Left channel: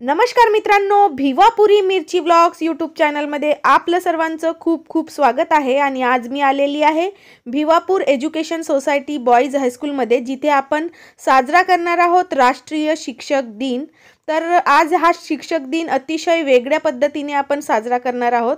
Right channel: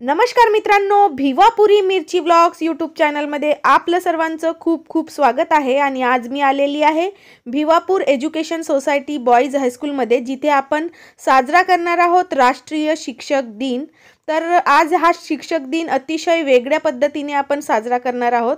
नमस्कार मित्रांनो, भिवापुरी मिरची व्लॉग्स यूट्यूब चॅनलमध्ये आपलं सर्वांचं खूप खूप स्वागत आहे। आणि आज मी आलेली आहे भिवापूर एज्युकेशन सोसायटी बॉईज हायस्कूलमध्ये, जिथे आपण साजरा करणार आहोत राष्ट्रीय शिक्षक दिन। तर आज हा शिक्षक दिन अतिशय वेगळ्या पद्धतीने आपण साजरा करणार आहोत।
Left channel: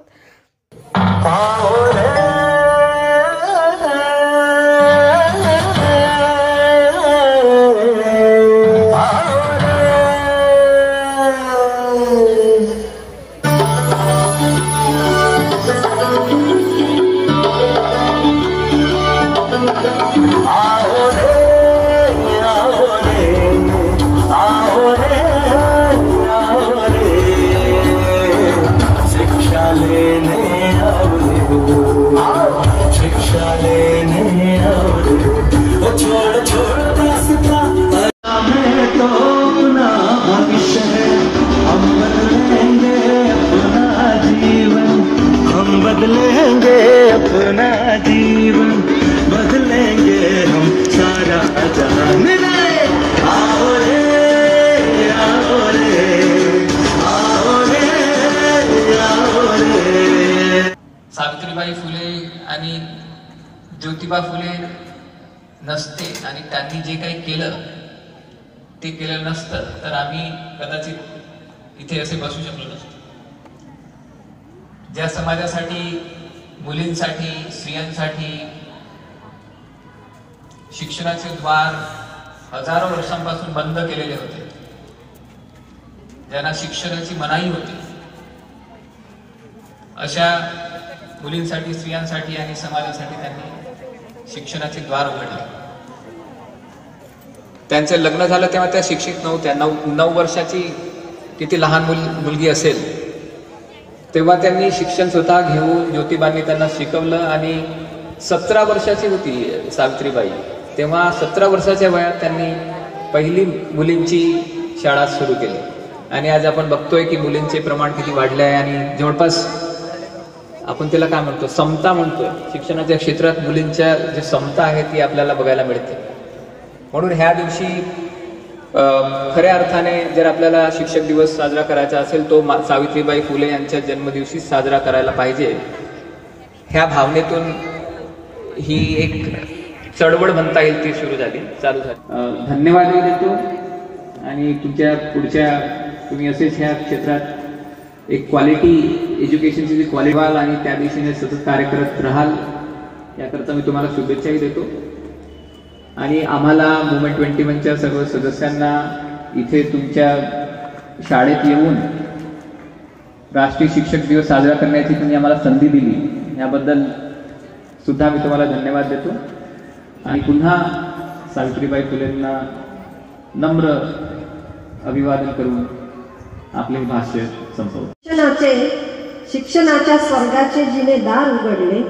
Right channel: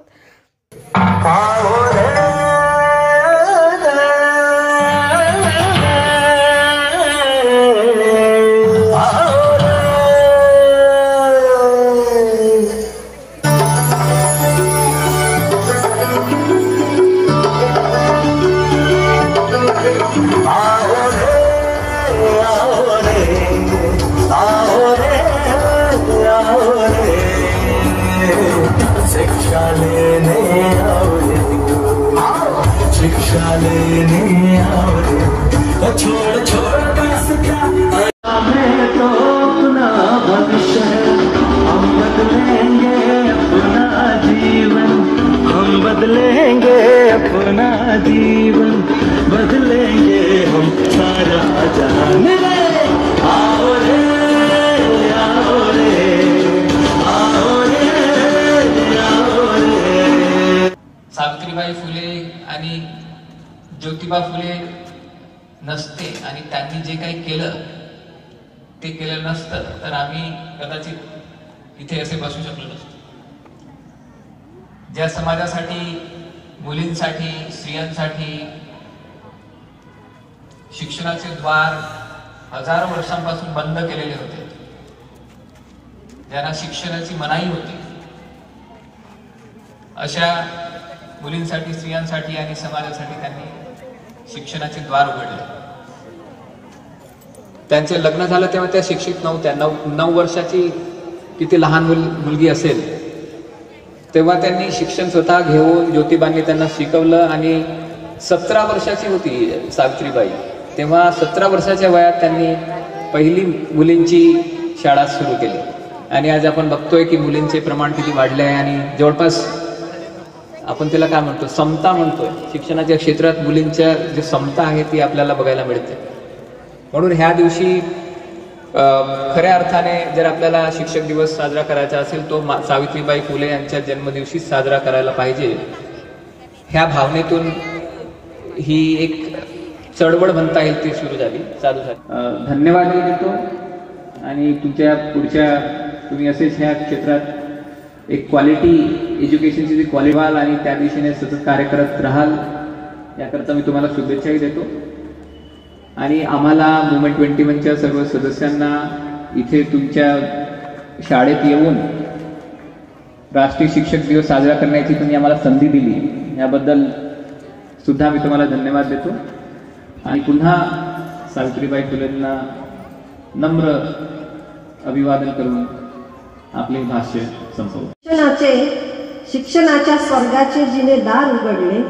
सावित्रीबाई फुले आणि ज्योतिबा फुले नसते आणि त्यांनी जे काही केलं ते केलं नसतं तर आम्ही कदाचित इथे असे बसू शकलो नसतो। ज्या समाजासाठी, मुलींसाठी, स्त्रियांसाठी शिक्षणाचे द्वार हजारो वर्षांपासून बंद केलेले होते, ज्यांना शिक्षणाची मनाई होती, अशा मुलींसाठी, स्त्रियांसाठी आणि समाजासाठी त्यांनी शिक्षणाचे द्वार उघडले। त्यांचे लग्न झालं तेव्हा त्या शिक्षित नव्हत्या। 9 वर्षाची किती लहान मुलगी असेल तेव्हा त्यांनी शिक्षण स्वतः घेऊन ज्योतिबांनी त्यांना शिकवलं। आणि 17 वर्षाची होती सावित्रीबाई तेव्हा 17 वर्षाच्या वयात त्यांनी पहिली मुलींची शाळा सुरू केली। आणि आज आपण बघतोय की मुलींचे प्रमाण किती वाढले आहे आणि जवळपास आपण त्याला काय म्हणतो, समता म्हणतोय। शिक्षणाच्या क्षेत्रात मुलींच्या जी समता आहे ती आपल्याला बघायला मिळते। म्हणून ह्या दिवशी खऱ्या अर्थाने जर आपल्याला शिक्षक दिवस साजरा करायचा असेल तो सावित्रीबाई फुले यांच्या जन्मदिवशी साजरा करायला पाहिजे। ह्या भावनेतून ही एक चळवळ म्हणता येईल ती सुरू झाली, चालू झाली। धन्यवाद देतो आणि तुमच्या पुढच्या तुम्ही असेच ह्या क्षेत्रात एक क्वालिटी एज्युकेशनची जी क्वालिवाल आणि त्या दिशेने सतत कार्य करत राहाल याकरता मी तुम्हाला शुभेच्छाही देतो। आणि आम्हाला मुवमेंट 21च्या सर्व सदस्यांना इथे तुमच्या शाळेत येऊन राष्ट्रीय शिक्षक दिवस साजरा करण्याची तुम्ही आम्हाला संधी दिली याबद्दल सुद्धा मी तुम्हाला धन्यवाद देतो। आणि पुन्हा सावित्रीबाई फुलेंना नम्र अभिवादन करून आपले भाष्य संपवतो। शिक्षणाच्या स्वर्गाचे जिने दार उघडले,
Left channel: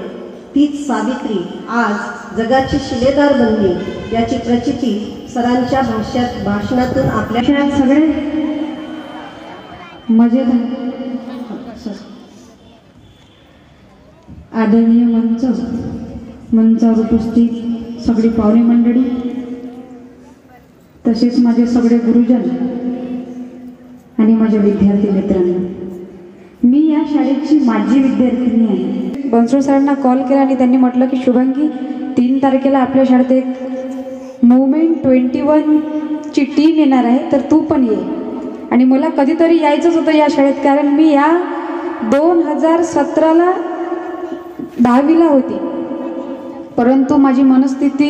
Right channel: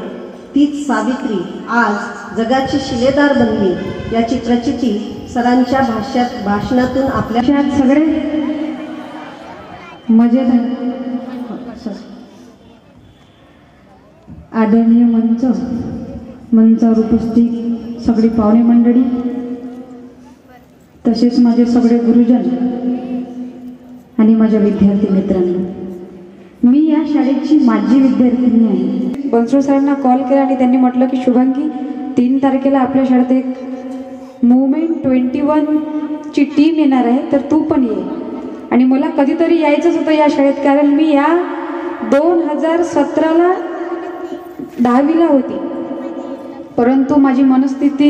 तीच सावित्री आज जगाची शिलेदार बनली याची प्रचिती सरांच्या भाषणातून आपल्या सगळे मजेत आदरणीय मंचावर उपस्थित सगळी पाहुणे मंडळी, तसेच माझे सगळे गुरुजन आणि माझ्या विद्यार्थी मित्रांनो, मी या शाळेची माजी विद्यार्थिनी आहे। बनसोड साहेबांना कॉल केला आणि त्यांनी म्हटलं की शुभांगी 3 तारखेला आपल्या शाळेत एक मुवमेंट 21 ची टीम येणार आहे, तर तू पण ये। आणि मला कधीतरी यायचंच होतं या शाळेत, कारण मी या 2017ला 10वीला होती, परंतु माझी मनस्थिती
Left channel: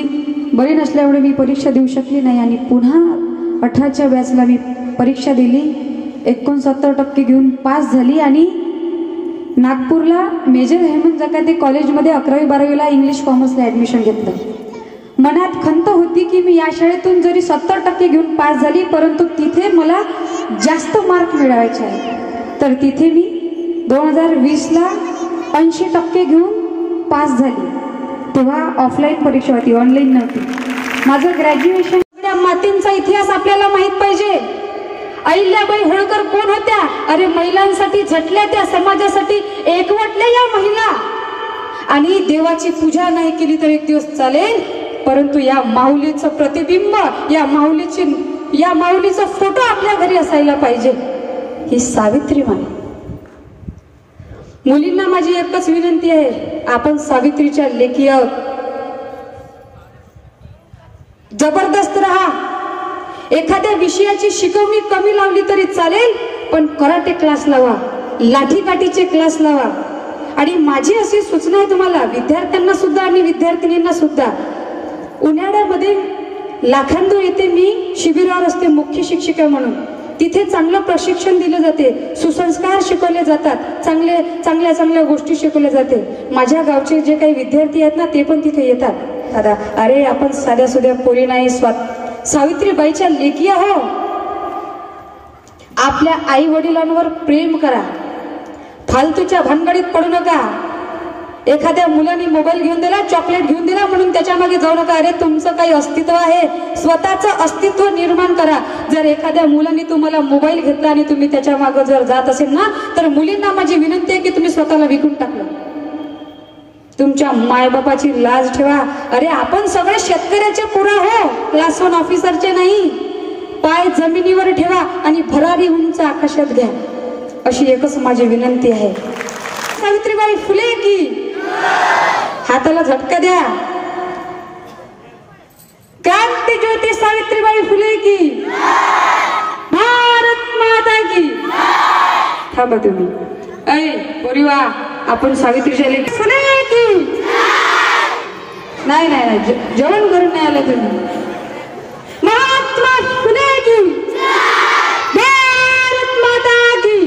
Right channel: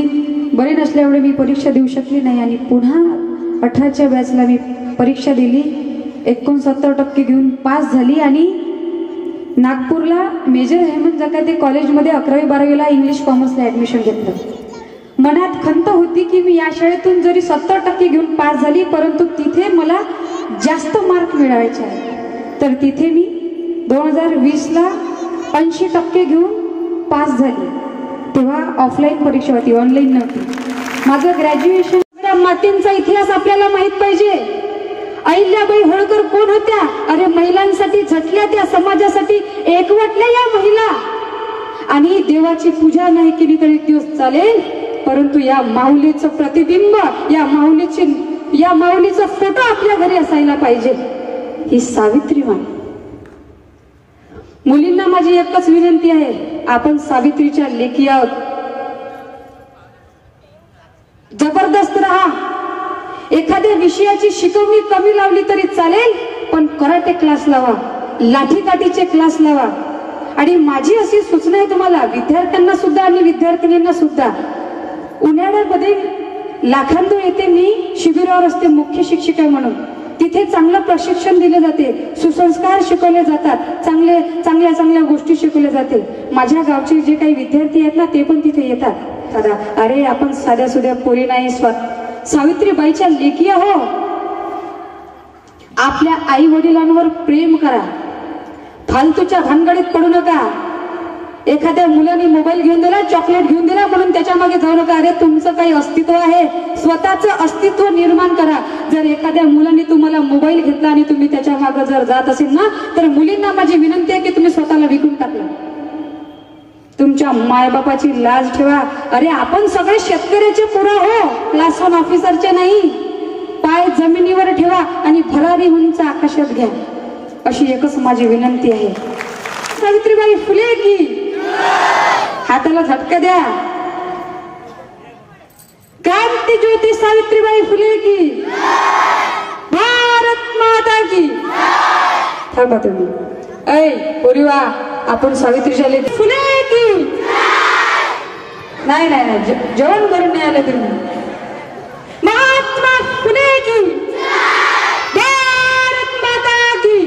बरी नसल्यामुळे मी परीक्षा देऊ शकली नाही। आणि पुन्हा 18च्या बॅचला मी परीक्षा दिली, 69% घेऊन पास झाली आणि नागपूरला मेजर हेमंत जकाते कॉलेजमध्ये 11वी 12वीला इंग्लिश कॉमर्सला ऍडमिशन घेतलं। मनात खंत होती की मी या शाळेतून जरी 70% घेऊन पास झाली, परंतु तिथे मला जास्त मार्क मिळवायचे आहे। तर तिथे मी 2020ला 80% घेऊन पास झाली। तेव्हा ऑफलाईन परीक्षा होती, ऑनलाईन नव्हती। माझं ग्रॅज्युएशन, मातींचा इतिहास आपल्याला माहित पाहिजे। अहिल्याबाई होळकर कोण होत्या? अरे महिलांसाठी झटल्या, त्या समाजासाठी एकवटल्या या महिला। आणि देवाची पूजा नाही केली तर एक दिवस चालेल, परंतु या माऊलीचं प्रतिबिंब, या माऊलीचा फोटो आपल्या घरी असायला पाहिजे। ही सावित्रीबाई. मुलींना माझी एकच विनंती आहे, आपण सावित्रीच्या लेकी आहोत. जबरदस्त राहा. एखाद्या विषयाची शिकवणी कमी लावली तरी चालेल, पण कराटे क्लास लावा, लाठीकाठीचे क्लास लावा. आणि माझी अशी सूचना आहे तुम्हाला, विद्यार्थ्यांना सुद्धा आणि विद्यार्थिनींना सुद्धा. उन्हाळ्यामध्ये लाखांदूर येथे मी शिबिरावर असते मुख्य शिक्षिका म्हणून. तिथे चांगलं प्रशिक्षण दिलं जाते, सुसंस्कार शिकवले जातात, चांगल्या चांगल्या गोष्टी शिकवल्या जाते. माझ्या गावचे जे काही विद्यार्थी आहेत ना, ते पण तिथे येतात. अरे आपण साध्या सुध्या पोरी नाही, सावित्रीबाईच्या लेकी आहो. आपल्या आई वडिलांवर प्रेम करा, फालतूच्या भानगडीत पडू नका. एखाद्या मुलाने मोबाईल घेऊन दिला, चॉकलेट घेऊन दिला म्हणून त्याच्या मागे जाऊ नका. अरे तुमचं काही अस्तित्व आहे, स्वतःचं अस्तित्व निर्माण करा. जर एखाद्या मुलाने तुम्हाला मोबाईल घेतला आणि तुम्ही त्याच्या मागे जर जात असेल ना, तर मुलींना माझी विनंती आहे की तुम्ही स्वतःला विकून टाकलं. तुमच्या मायबापाची लाज ठेवा. अरे आपण सगळे शेतकऱ्याचे पुरा हो, क्लास 1 ऑफिसरचे नाही. पाय जमिनीवर ठेवा आणि भरारी उंच आकाशात घ्या, अशी एकच माझी विनंती आहे. सावित्रीबाई फुले की हाताला झटका द्या. क्रांती ज्योती सावित्रीबाई फुले की, भारत माता की. थांबा तुम्ही. ऐ पोरीवा, आपण सावित्रीच्या लेकी फुले की. नाही जेवण करून नाही आले तुम्ही. महात्मा फुले की, भारत माता की.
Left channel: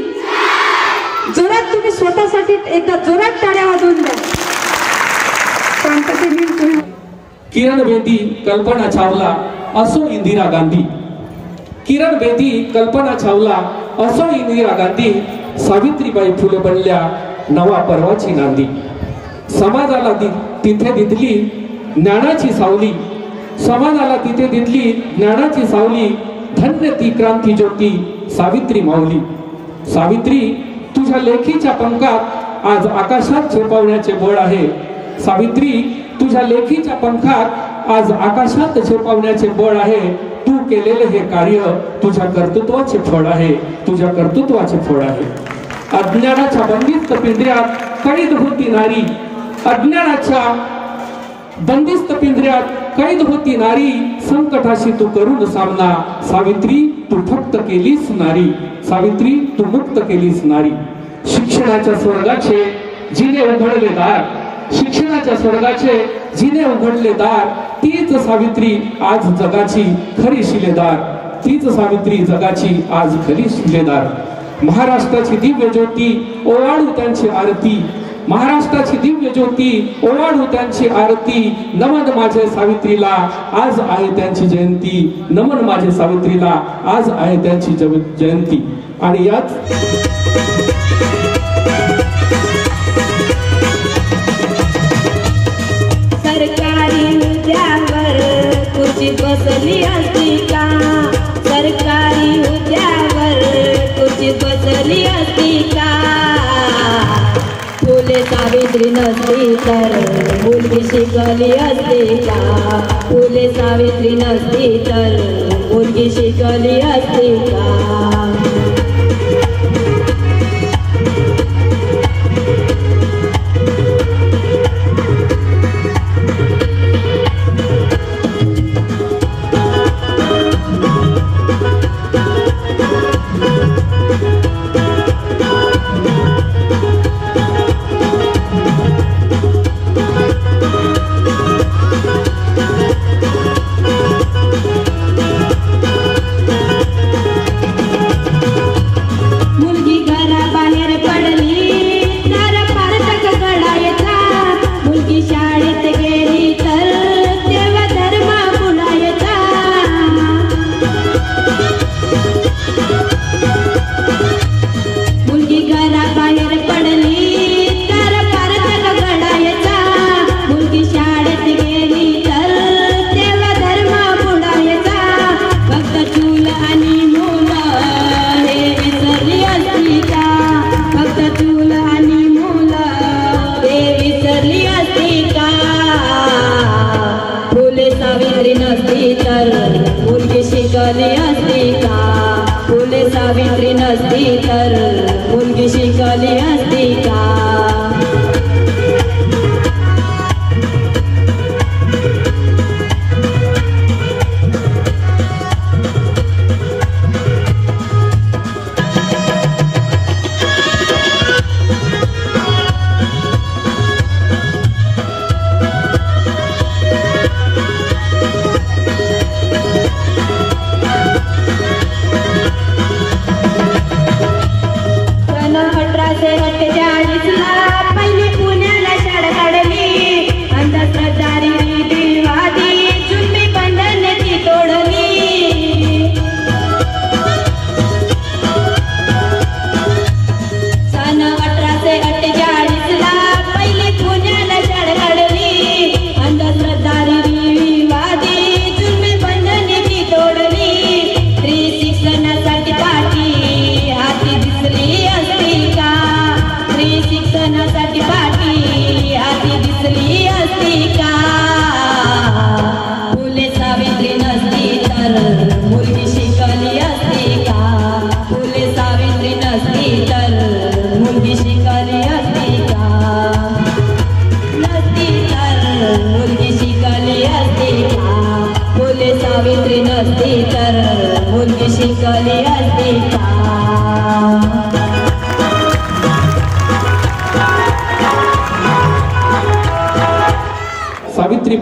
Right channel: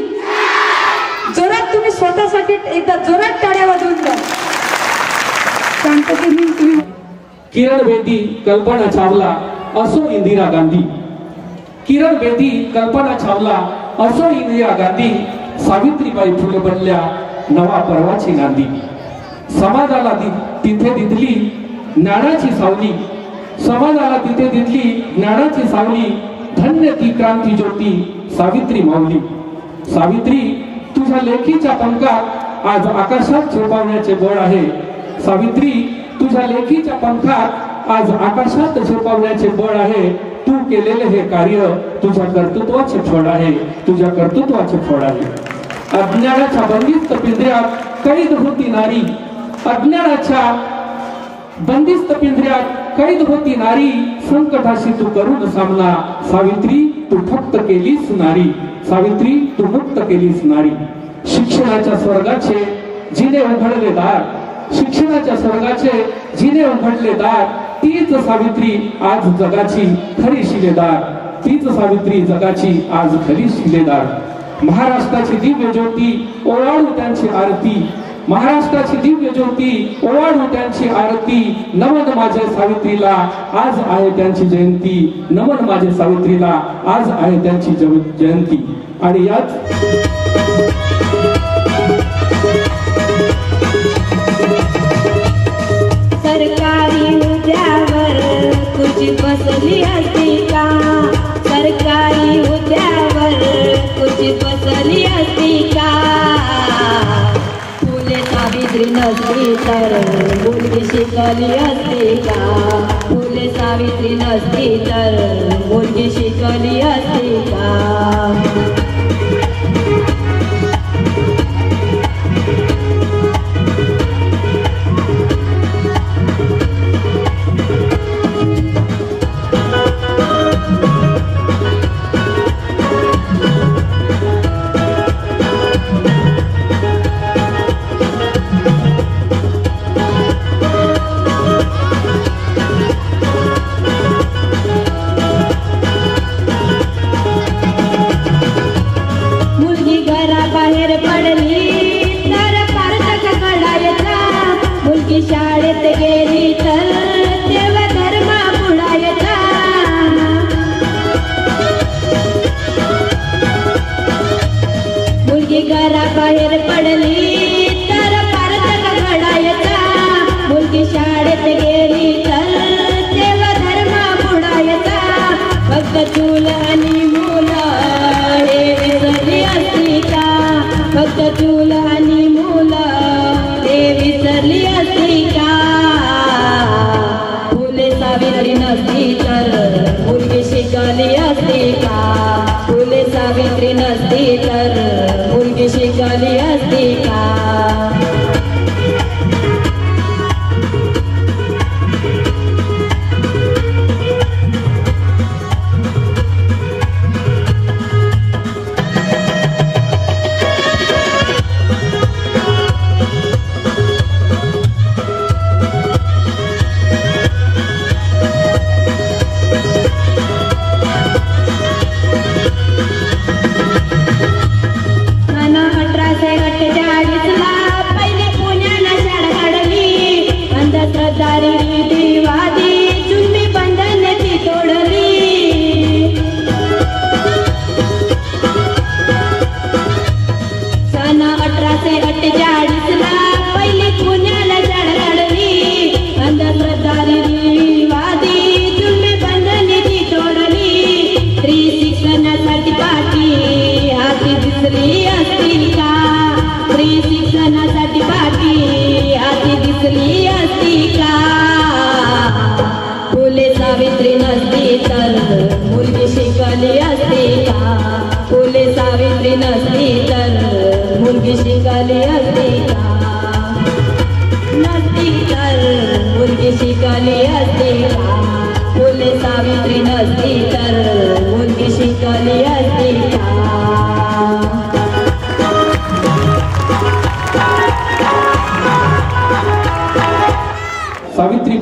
जोरात तुम्ही स्वतःसाठी एकदा जोरात टाळ्या वाजवून द्या. तुम्ही किरण बेदी, कल्पना चावला असो इंदिरा गांधी. किरण बेदी, कल्पना चावला असो इंदिरा गांधी. सावित्रीबाई फुले बनल्या नवा पर्वाची नांदी. समाजाला तिथे दिसली ज्ञानाची सावली. समाजाला तिथे दिसली ज्ञानाची सावली. धन्य ती क्रांती ज्योती सावित्री माऊली. सावित्री, तुझ्या लेखीच्या पंखात आज आकाशात झेपावण्याचे बळ आहे. सावित्री, तुझ्या लेखीच्या पंखात आज आकाशात झेपावण्याचे बळ आहे. तू केलेले हे कार्य तुझ्या कर्तृत्वाचे फळ आहे, तुझ्या कर्तृत्वाचे फळ आहे. अज्ञानाच्या बंदिस्त पिंजऱ्यात कैद होती नारी. अज्ञानाच्या बंदिस्त पिंजऱ्यात कैद होती नारी. संकटाशी तू करून सामना. सावित्री, तू फक्त केलीस नारी. सावित्री, तू मुक्त केलीस नारी. शिक्षणाच्या स्वर्गाचे जिने उघडले दार. शिक्षणाच्या स्वर्गाचे जिने उघडले दार. तीच सावित्री आज जगाची खरी शिलेदार. तीच सावित्री जगाची आज खरी शिलेदार. महाराष्ट्राची दिव्य ज्योती ओवाळू त्यांची आरती. महाराष्ट्राची दिव्य ज्योती ओवाळू त्यांची आरती. नमन माझ्या सावित्रीला, आज आहे त्यांची जयंती. नमन माझ्या सावित्रीला, आज आहे त्यांची जयंती. आणि याच सरकारी हुद्द्यावर खुर्चीत बसली असती का. सरकारी हुद्द्यावर खुर्चीत बसली असती का. फुले सावित्री नसती तर मुलगी शिकली असती का. फुले सावित्री नसती तर मुलगी शिकली असती का.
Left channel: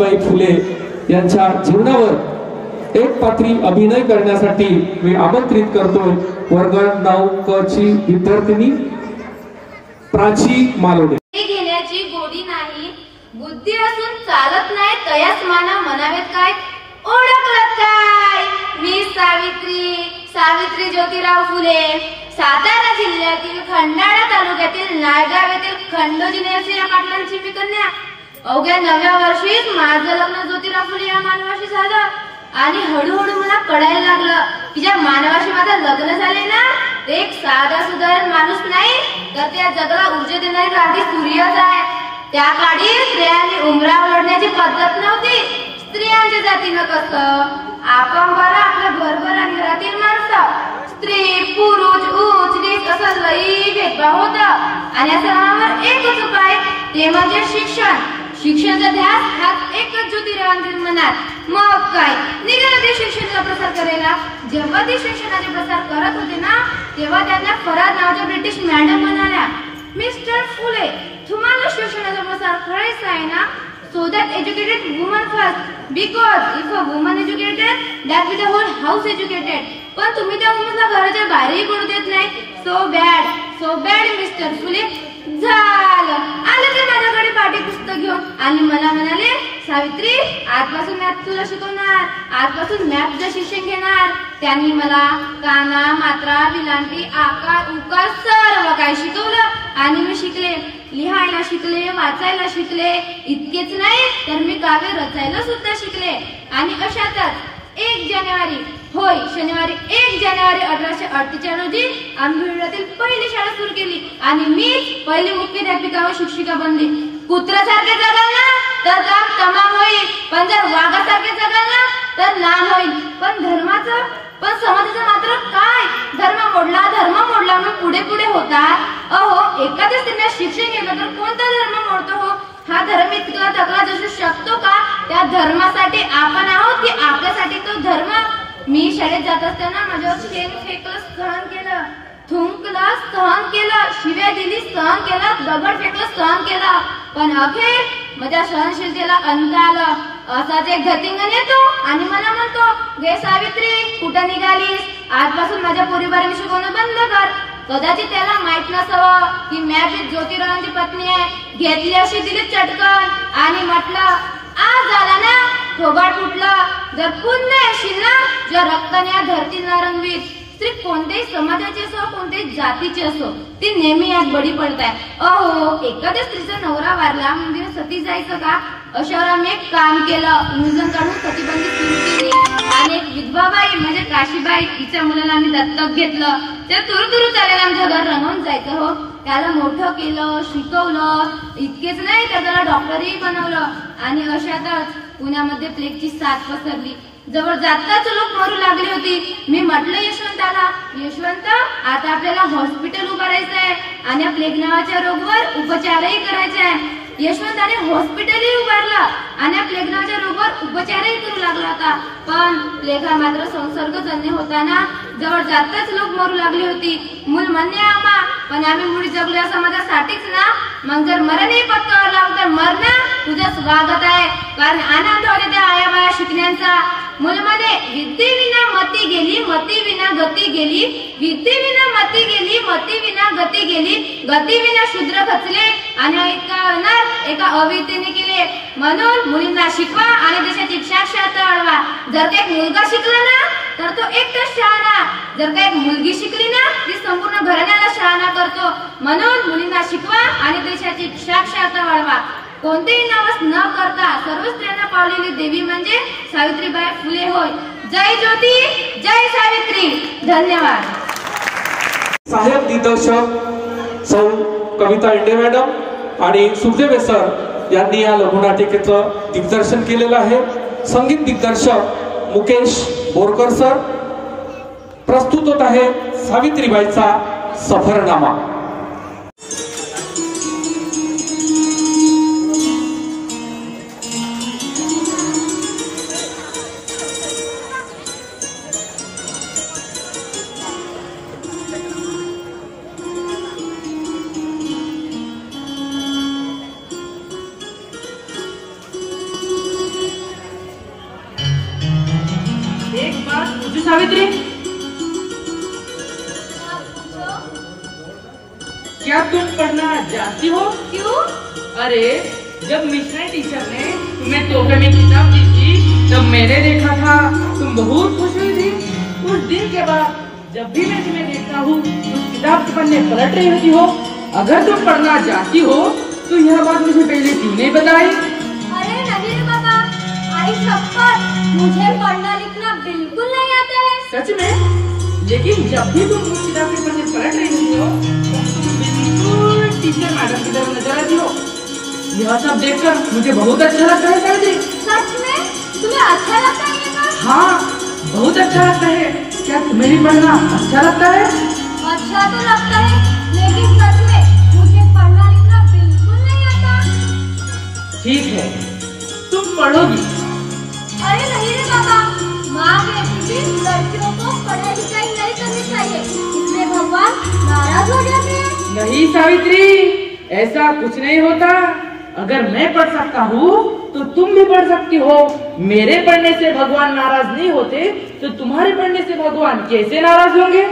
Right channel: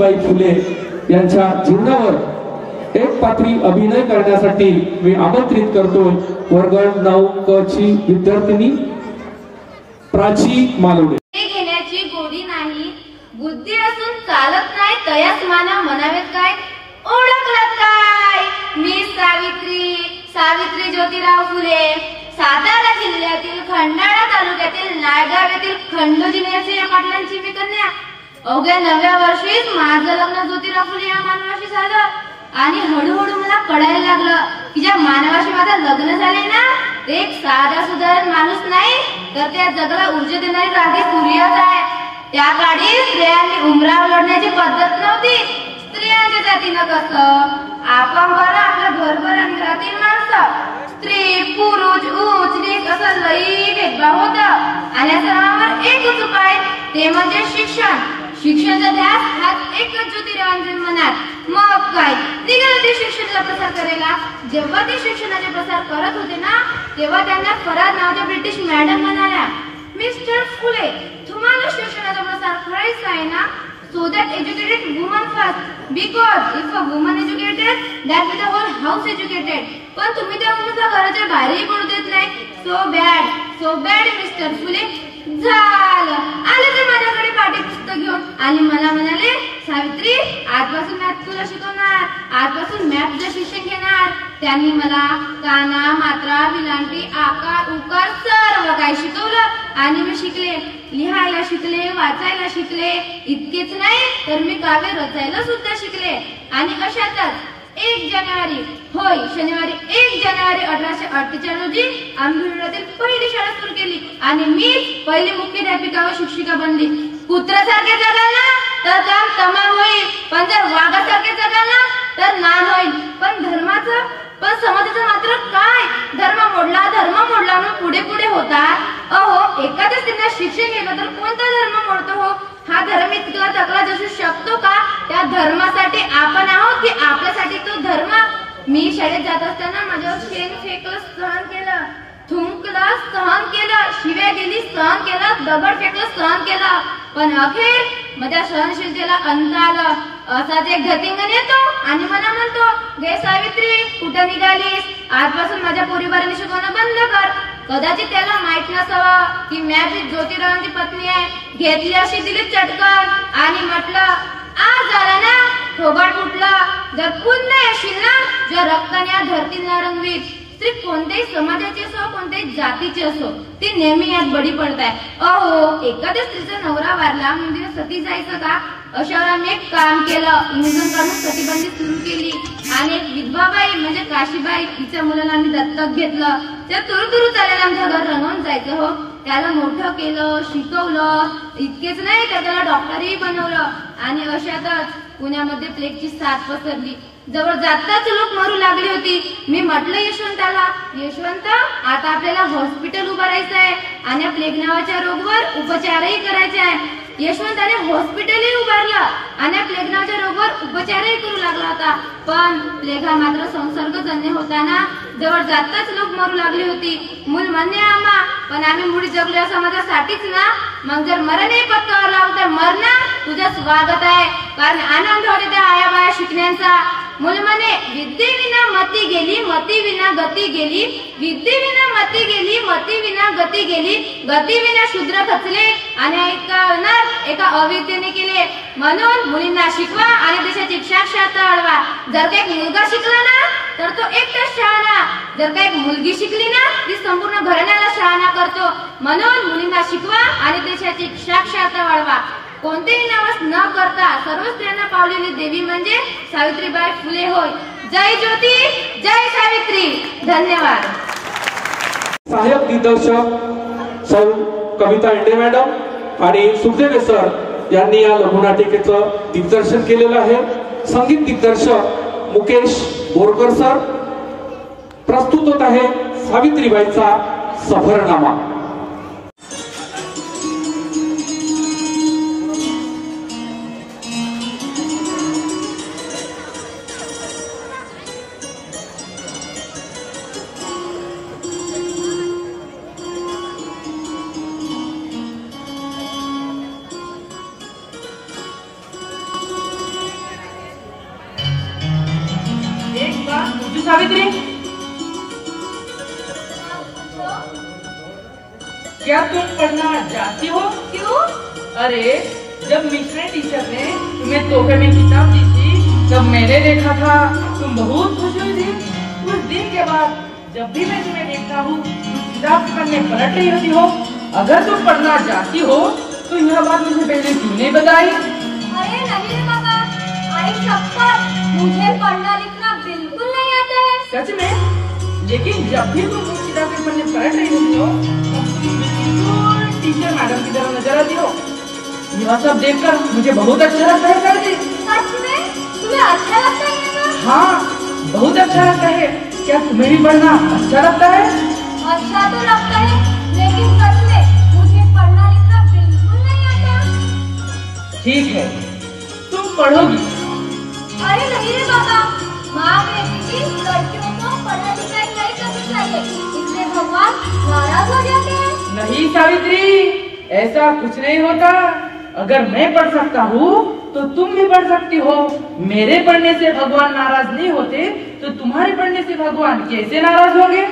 सावित्रीबाई फुले यांच्या जीवनावर एक पात्री अभिनय करण्यासाठी मी आमंत्रित करतोय वर्ग 9 क ची विद्यार्थिनी प्राची मालोडे. घेण्याची गोडी नाही, बुद्धी असून चालत नाही, तयास मानव म्हणावेत काय, ओळखलं काय, मी सावित्री ज्योतिराव फुले, सातारा जिल्ह्यातील खंडाळा तालुक्यातील नायगाव येथील खंडोजी या पाटलांची मी कन्या. अवघ्या 9व्या वर्षीच माझं लग्न ज्योतिराव फुले या मानवाशी झालं आणि हळूहळू मला कळायला लागलं की ज्या मानवाशी माझं लग्न झाले ना ते एक साधा सुधारण माणूस नाही तर त्या जगाला ऊर्जा देणारी रागी सूर्यच आहे. त्या काळी स्त्रियांनी उमरावर ओढण्याची पद्धत नव्हती. स्त्रियांच्या जातीनं कसं आपण बरं आपलं घरभर आणि घरातील माणसं, स्त्री पुरुष उंच नीच असं लई भेदभाव होता आणि या सर्वांवर एकच उपाय ते म्हणजे शिक्षण. शिक्षणाचा ध्यास हाच एकच ज्योतिरावांच्या मनात. मग काय निघालं ते शिक्षणाचा प्रसार करायला. जेव्हा ते शिक्षणाचे प्रसार करत होते ना तेव्हा त्यांना फराद नावाच्या ब्रिटिश मॅडम म्हणाल्या, मिस्टर फुले तुम्हाला शिक्षणाचा प्रसार करायचा आहे ना, so that educated woman first, because if a woman educated that will the whole house educated. पण तुम्ही त्या मुलीला घराच्या बाहेरही पडू देत नाही. so bad मिस्टर फुले. झालं आले ते माझ्याकडे पाठ्यपुस्तक घेऊन आणि मला म्हणाले, सावित्री आजपासून मॅथ तुला शिकवणार, आजपासून मॅथचं शिक्षण घेणार. त्यांनी मला काना मात्रा विलांटी आकार उकार सर्व काही शिकवलं आणि मी शिकले, लिहायला शिकले, वाचायला शिकले. इतकेच नाही तर मी काव्य रचायला सुद्धा शिकले. आणि अशातच 1 जानेवारी होय शनिवारी 1 जानेवारी 1848 रोजी आम्ही भिवंडीतील पहिली शाळा सुरू केली आणि मीच पहिली मुख्याध्यापिका व शिक्षिका बनली. कुत्र्यासारखे जगाल ना तर काम तमाम होईल, पण जर वाघासारखे जगाल ना तर नान होईल. पण समाजाचं मात्र काय, धर्म मोडला मग पुढे होतात. अहो एखाद्या स्त्रीला शिक्षण केलं तर कोणता धर्म मोडतो हो? हा धर्म इतका तक्रार असू शकतो का? त्या धर्मासाठी आपण आहोत की आपल्यासाठी तो धर्म? मी शाळेत जात असताना माझ्यावर शेण फेकलं सहन केलं, थुंकलं सहन केलं, शिव्या दिली सहन केलं, दगड फेकलं सहन केलं, पण अखेर माझ्या सहनशीलतेला अंत आला. असाच एक गतिंगण येतो आणि मला म्हणतो, गे सावित्री कुठं निघालीस, आजपासून माझ्या पोरीबारांनी शिकवणं बंद कर. कदाचित त्याला माहित नसावं की मी ज्योतिरावांची पत्नी आहे. घेतली अशी दिली चटकन आणि म्हटलं, आज झाला ना थोबाड फुटलं. जर पुन्हा येशील ना जर रक्ताने धरतीला रंगवीत. स्त्री कोणत्याही समाजाची असो कोणत्याही जातीची असो ती नेहमी यात बळी पडत आहे. अहो एखाद्या स्त्रीचा नवरा वारला म्हणजे सती जायचं का? अशावर आम्ही एक काम केलं, इंग्रजां काढून सतीबंदी सुरू केली आणि एक विधवाबाई म्हणजे काशीबाई तिच्या मुलाला आम्ही दत्तक घेतलं. त्या तुरु त्याला आमच्या घर रमून जायचं हो. त्याला मोठं केलं, शिकवलं. इतकेच नाही तर त्याला डॉक्टरही बनवलं. आणि अशातच पुण्यामध्ये प्लेगची साथ पसरली. जवळ जाताच लोक मरू लागली होती. मी म्हटलं यशवंताला, यशवंत आता आपल्याला हॉस्पिटल उभारायचं आहे आणि प्लेग नावाच्या रोगावर उपचारही करायचे आहे. यशवंताने हॉस्पिटलही उभारलं आणि प्लेग नावाच्या रोगावर उपचारही करू लागला होता. पण प्लेग हा मात्र संसर्गजन्य होता ना. जवळ जाताच लोक मरू लागली होती. मूल म्हणणे आम्हा, पण आम्ही मुळी जगलो या समाजासाठीच ना. मग जर मरणही पत्कावर लावलं तर मरणं तुझं स्वागत आहे, कारण आनंद होते त्या आया बाया शिकण्याचा. मूल म्हणे, विद्येविना मती गेली, मती विना गती गेली, विद्येविना मती गेली, मती विना गती गेली, गती विना शूद्र खचले आणि एका अविद्येने केले. म्हणून मुलींना शिकवा आणि देशाची साक्षरता वाढवा. जर का एक मुलगा शिकला ना तर तो एकटाच शहाणा, जर का एक मुलगी शिकली ना ती संपूर्ण घराण्याला शहाणा करतो. म्हणून मुलींना शिकवा आणि देशाची साक्षरता वाढवा. कोणतेही नावच न करता सर्व स्त्रियांना पावलेली देवी म्हणजे सावित्रीबाई फुले होय. जय ज्योती, जय सावित्री. धन्यवाद. सहाय्यक दिग्दर्शक सौ कविता इंडे मॅडम आणि सुखदेव सर यांनी या लघुनाटिकेचं दिग्दर्शन केलेलं आहे. संगीत दिग्दर्शक मुकेश बोरकर सर. प्रस्तुत होत आहे सावित्रीबाईचा सफरनामा. क्या तुम पढ़ना जानती हो? क्यों? अरे जब मिश्रा टीचर ने तुम्हें तोहफे में किताब दी थी तब मैंने देखा था तुम बहुत खुश हुई थी। उस दिन के बाद जब भी मैं तुम्हें देखता हूँ उस किताब के पन्ने पलट रही होती हो। अगर तुम पढ़ना जानती हो तो यह बात मुझे पहले क्यों नहीं बताई? अरे नहीं रे बाबा, आई शपथ, मुझे पढ़ना लिखना बिल्कुल नहीं आता है। सच में? लेकिन जब भी तुम उस किताब के पन्ने पलट रही होती हो तब तुम बिल्कुल टीचर मैडम की तरफ नजर आती हो। यह सब देखकर मुझे बहुत अच्छा लगता है सर। सच में? तुम्हें अच्छा लगता है ये सब? हाँ, बहुत अच्छा लगता है। क्या तुम्हें भी पढ़ना अच्छा लगता है? अच्छा तो लगता है, लेकिन सच में मुझे पढ़ना लिखना बिल्कुल नहीं आता। ठीक है, तुम पढ़ोगी। अरे नहीं रे बाबा, माँ कहती थी लड़कियों को पढ़ाई लिखाई नहीं करनी चाहिए, इससे भगवान नाराज हो जाते हैं। नहीं सावित्री, ऐसा कुछ नहीं होता। अगर मैं पढ़ सकता हूँ तो तुम भी पढ़ सकती हो। मेरे पढ़ने से भगवान नाराज नहीं होते तो तुम्हारे पढ़ने से भगवान कैसे नाराज होंगे?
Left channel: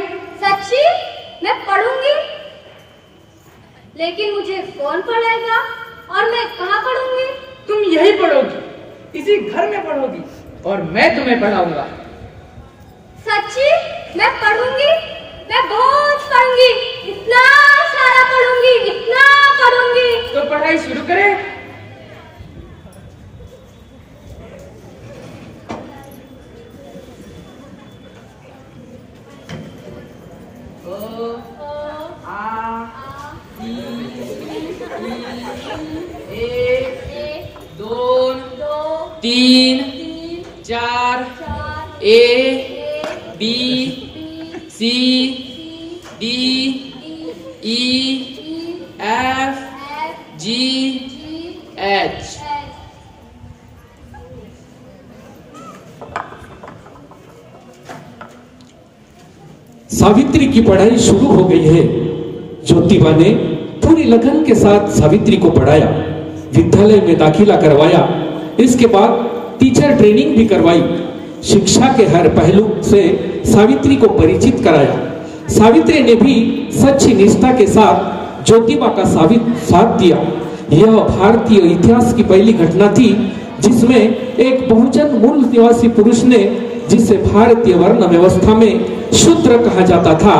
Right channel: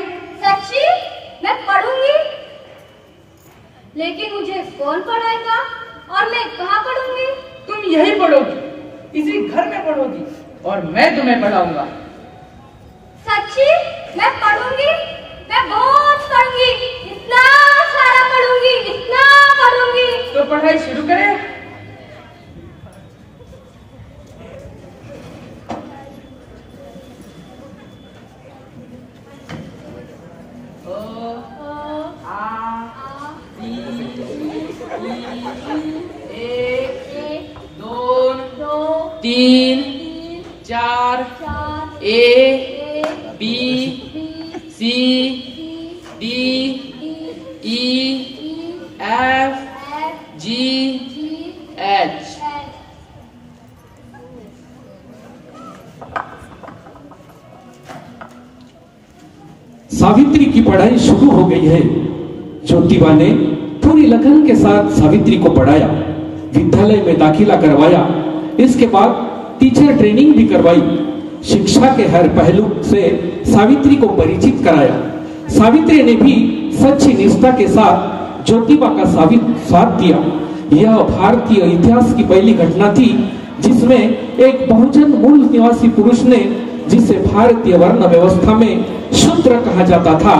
सच्ची? मैं पढ़ूंगी, लेकिन मुझे कौन पढ़ाएगा और मैं कहाँ पढ़ूंगी? तुम यही पढ़ोगी, इसी घर में पढ़ोगी और मैं तुम्हें पढ़ाऊंगा। सच्ची? मैं पढ़ूंगी, मैं बहुत पढ़ूंगी, इतना सारा पढ़ूंगी, इतना पढ़ूंगी। तो पढ़ाई शुरू करें। तीन चार A B C D E F G H. Savitri की पढ़ाई शुरू हो गई है। ज्योतिबा ने पूरी लगन के साथ सावित्री को पढ़ाया, विद्यालय में दाखिला करवाया। इसके बाद टीचर ट्रेनिंग भी करवाई। शिक्षा के हर पहलू से सावित्री को परिचित कराया। सावित्री ने भी सच्ची निष्ठा के साथ ज्योतिबा का साथ दिया। यह भारतीय इतिहास की पहली घटना थी जिसमें एक बहुजन मूल निवासी पुरुष ने, जिसे भारतीय वर्ण व्यवस्था में शूद्र कहा जाता था,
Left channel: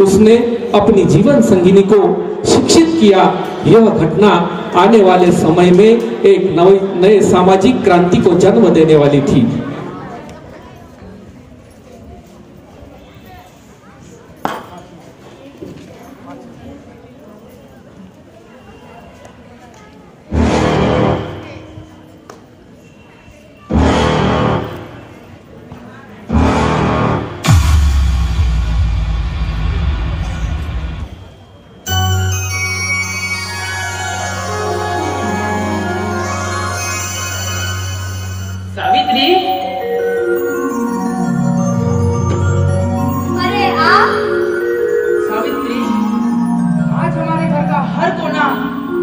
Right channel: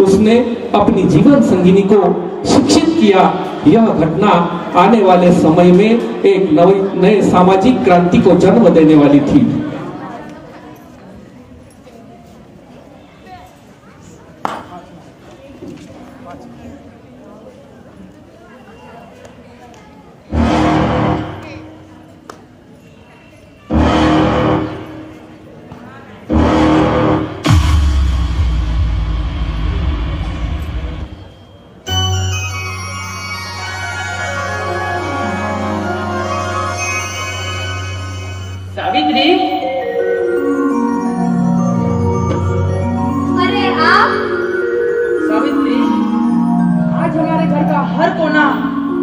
उसने अपनी जीवन संगिनी को शिक्षित किया। यह घटना आने वाले समय में एक नए सामाजिक क्रांति को जन्म देने वाली थी। सावित्री, अरे आप? सावित्री, आज हमारे घर का हर कोना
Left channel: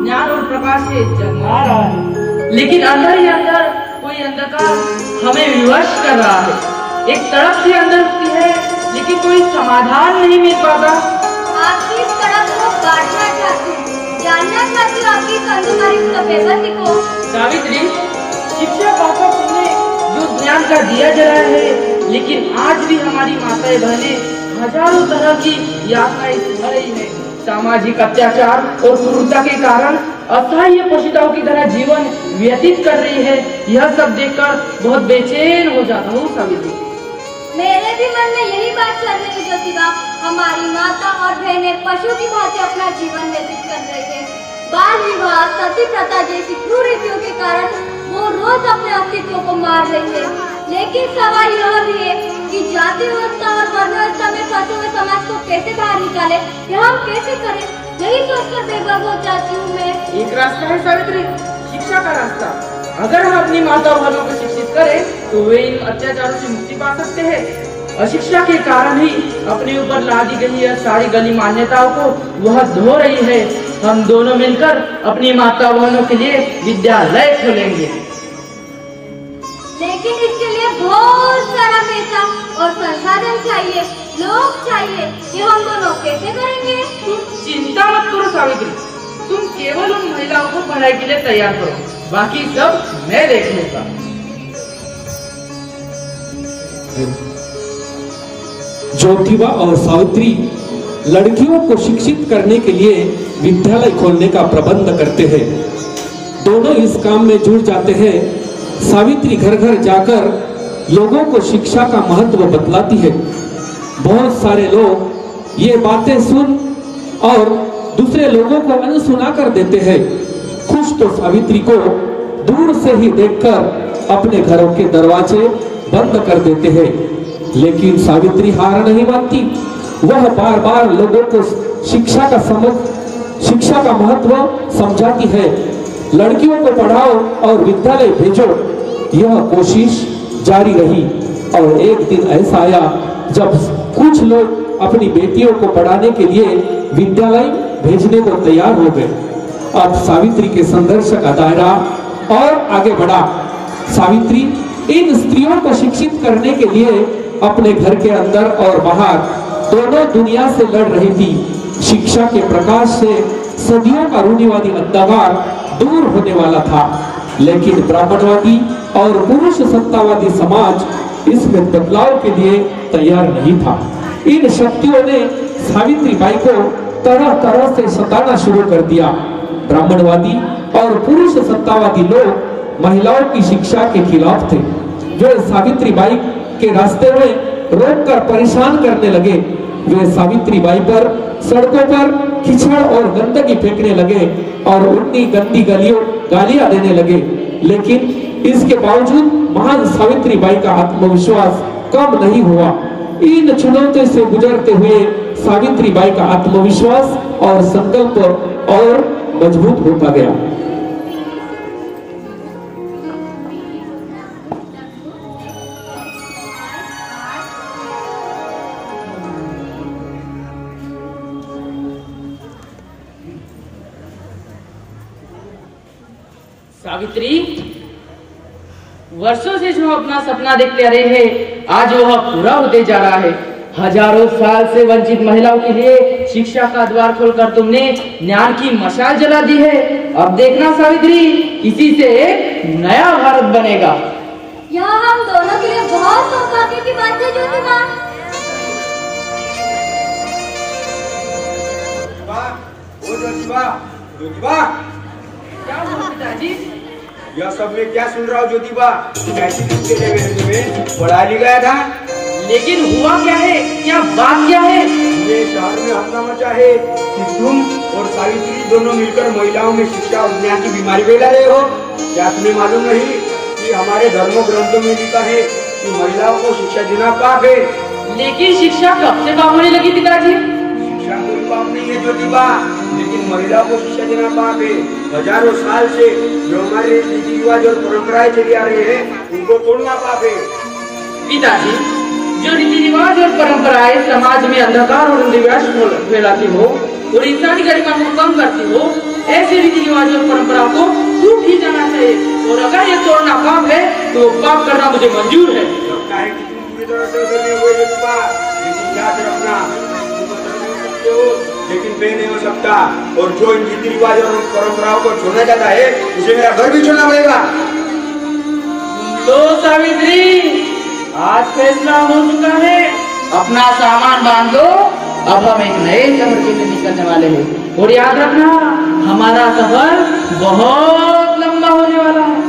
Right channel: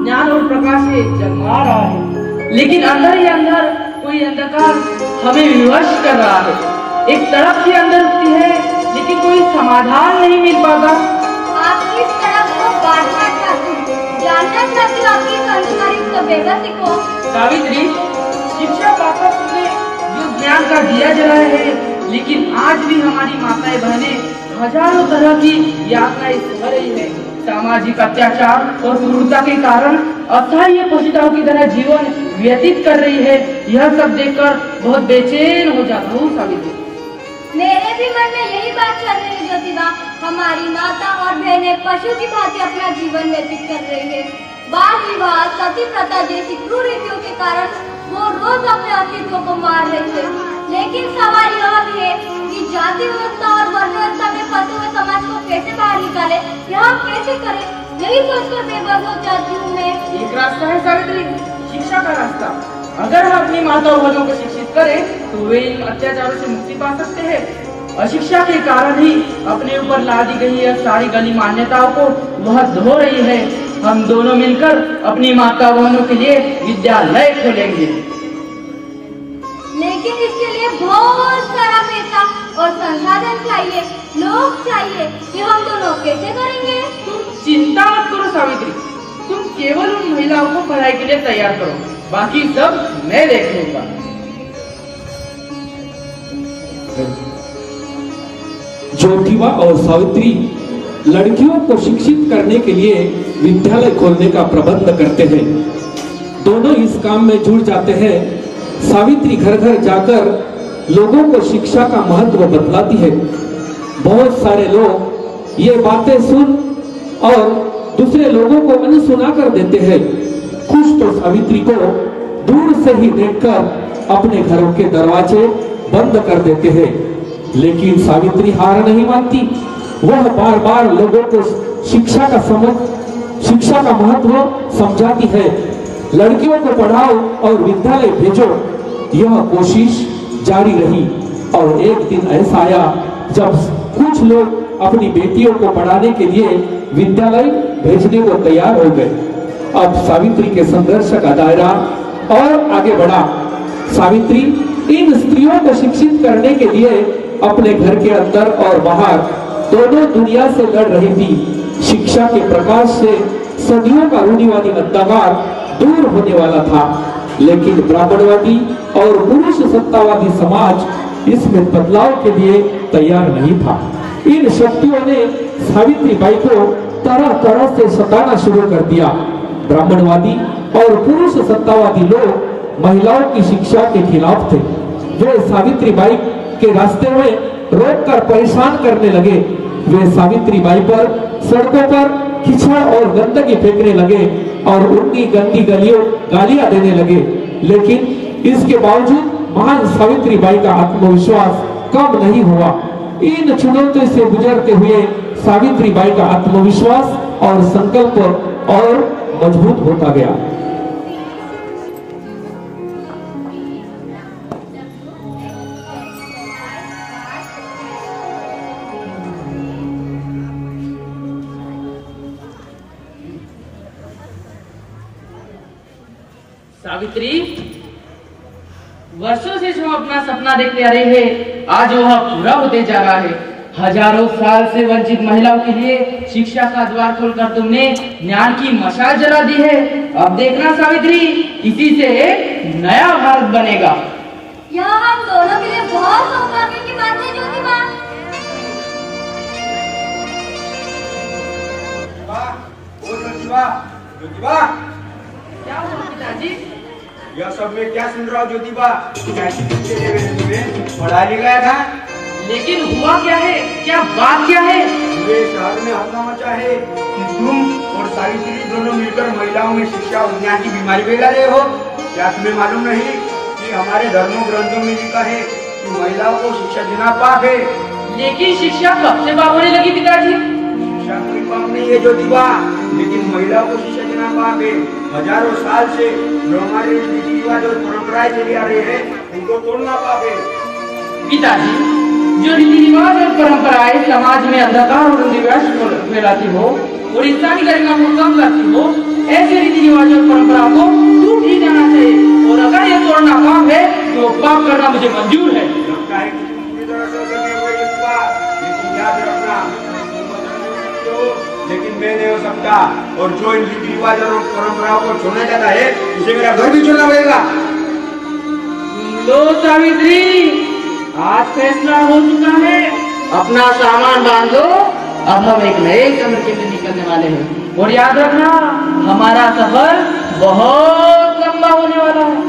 ज्ञान और प्रकाश से जगमगा रहा है, लेकिन अंदर ही अंदर कोई अंधकार हमें विवश कर रहा है। एक तड़प भी अंदर उठती है, लेकिन कोई समाधान नहीं मिल पाता। आप किस तरफ को बांटना चाहते हैं? जानना चाहते हैं आपकी अंधकारी तो बेबसी को? सावित्री, शिक्षा पापा ने जो ज्ञान का दिया जला है, लेकिन आज भी हमारी माताएं बहनें हजारों तरह की यातनाएं सह रही है। सामाजिक अत्याचार और क्रूरता के कारण असहाय पोषिताओं की तरह जीवन व्यतीत कर रही है। यह सब देखकर बहुत बेचैन हो जाता हूँ सावित्री। मेरे भी मन में यही बात चल रही है ज्योतिबा। हमारी माता और बहनें पशु की भांति अपना जीवन व्यतीत कर रही है। बाल विवाह, सती प्रथा जैसी क्रूरताओं के कारण वो रोज अपने अस्तित्व को मार लेते हैं। लेकिन सवाल यह भी है कि जाति व्यवस्था और वर्ण व्यवस्था में फंसे हुए समाज को कैसे बाहर निकाले, यह हम कैसे करें, यही सोचकर बेबस हो जाती हूँ मैं। एक रास्ता है सावित्री, शिक्षा का रास्ता। अगर हम अपनी माता और बहनों को शिक्षित करें तो वे इन अत्याचारों से मुक्ति पा सकते हैं। अशिक्षा के कारण ही अपने ऊपर लादी गई यह सारी गली मान्यताओं को वह धो रही है। हम दोनों मिलकर अपनी माता बहनों के लिए विद्यालय खोलेंगे। लेकिन इसके लिए बहुत सारा पैसा और संसाधन चाहिए, लोग चाहिए। ये हम दोनों कैसे करेंगे? चिंता मत करो पढ़ाई के लिए तैयार करो, बाकी सब मैं देख लूंगा। ज्योतिबा और सावित्री लड़कियों को शिक्षित करने के लिए विद्यालय खोलने का प्रबंध करते हैं। दोनों इस काम में जुड़ जाते हैं। सावित्री घर घर जाकर लोगों को शिक्षा का महत्व बतलाती है। बहुत सारे लोग ये बातें सुन और दूसरे लोगों को अनसुना कर देते हैं। कुछ तो सावित्री को दूर से ही देखकर अपने घरों के दरवाजे बंद कर देते हैं, लेकिन सावित्री हार नहीं मानती। वह बार बार लोगों को शिक्षा का महत्व समझाती है। लड़कियों को पढ़ाओ और विद्यालय भेजो, यह कोशिश जारी रही। और एक दिन ऐसा आया जब कुछ लोग अपनी बेटियों को पढ़ाने के लिए विद्यालय भेजने को तैयार हो गए। अब सावित्री के संघर्ष का दायरा और आगे बढ़ा। सावित्री इन स्त्रियों को शिक्षित करने के लिए अपने घर के अंदर और बाहर दोनों दुनिया से लड़ रही थी। शिक्षा के प्रकाश से सदियों का रूढ़िवादी अंधकार दूर होने वाला था, लेकिन ब्राह्मणवादी और पुरुष सत्तावादी समाज इसमें बदलाव के लिए तैयार नहीं था। इन शक्तियों ने सावित्री बाई को तरह तरह से सताना शुरू कर दिया। ब्राह्मणवादी और पुरुष सत्तावादी लोग महिलाओं की शिक्षा के खिलाफ थे। वे सावित्री बाई के रास्ते में रोककर परेशान करने लगे। वे सावित्री बाई पर सड़कों पर कीचड़ और गंदगी फेंकने लगे और उनकी गंदी गालियां देने लगे। लेकिन इसके बावजूद महान सावित्री बाई का आत्मविश्वास कम नहीं हुआ। इन चुनौतियों से गुजरते हुए सावित्री बाई का आत्मविश्वास और संकल्प और मजबूत होता गया। सावित्री, वर्षों से जो अपना सपना देखते आ रही है, आज वह पूरा होते जा रहा है। हजारों साल से वंचित महिलाओं के लिए शिक्षा का द्वार खोलकर तुमने ज्ञान की मशाल जला दी है। अब देखना सावित्री, इसी से नया भारत बनेगा। यह हम दोनों के लिए बहुत सौभाग्य की बात है ज्योतिबा। ज्योतिबा, क्या हुआ पिताजी? यह सब मैं क्या सुन रहा हूँ ज्योतिबा? पढ़ा लिखा था, लेकिन हुआ क्या है? क्या बात क्या है? पूरे शहर में हंगामा मचा है कि तुम और सावित्री दोनों मिलकर महिलाओं में शिक्षा और ज्ञान की बीमारी फैला रहे हो। क्या तुम्हें मालूम नहीं कि हमारे धर्मों ग्रंथों में लिखा है कि महिलाओं को शिक्षा देना पाप है? लेकिन शिक्षा कब से पाप होने लगी पिताजी? शिक्षा कोई पाप नहीं है ज्योतिबा, लेकिन महिलाओं को शिक्षा देना पाप है। हजारों साल से जो हमारे रीति रिवाज और परंपराएं चली आ रही है, उनको तोड़ना पाप है। पिताजी, जो रीति रिवाज और परंपराएं समाज में अंधकार और अंधविश्वास फैलाती हो और इंसानी गरिमा को कम करती हो, ऐसे रीति रिवाज और परंपरा को टूट ही जाना चाहिए। और अगर ये तोड़ना पाप है तो पाप करना मुझे मंजूर है। लगता है कि तुम पूरी तरह से करने हुए ज्योतिबा, लेकिन याद रखना, लेकिन मैं नहीं हो सकता। और जो इन रीति रिवाज और परंपराओं को छोड़ना चाहता है, उसे मेरा घर भी छोड़ना पड़ेगा। तो सावित्री, आज फैसला हो चुका है। अपना सामान बांधो, अब हम एक नए चक्र के लिए निकलने वाले हैं। और याद रखना, हमारा सफर बहुत लंबा होने वाला है।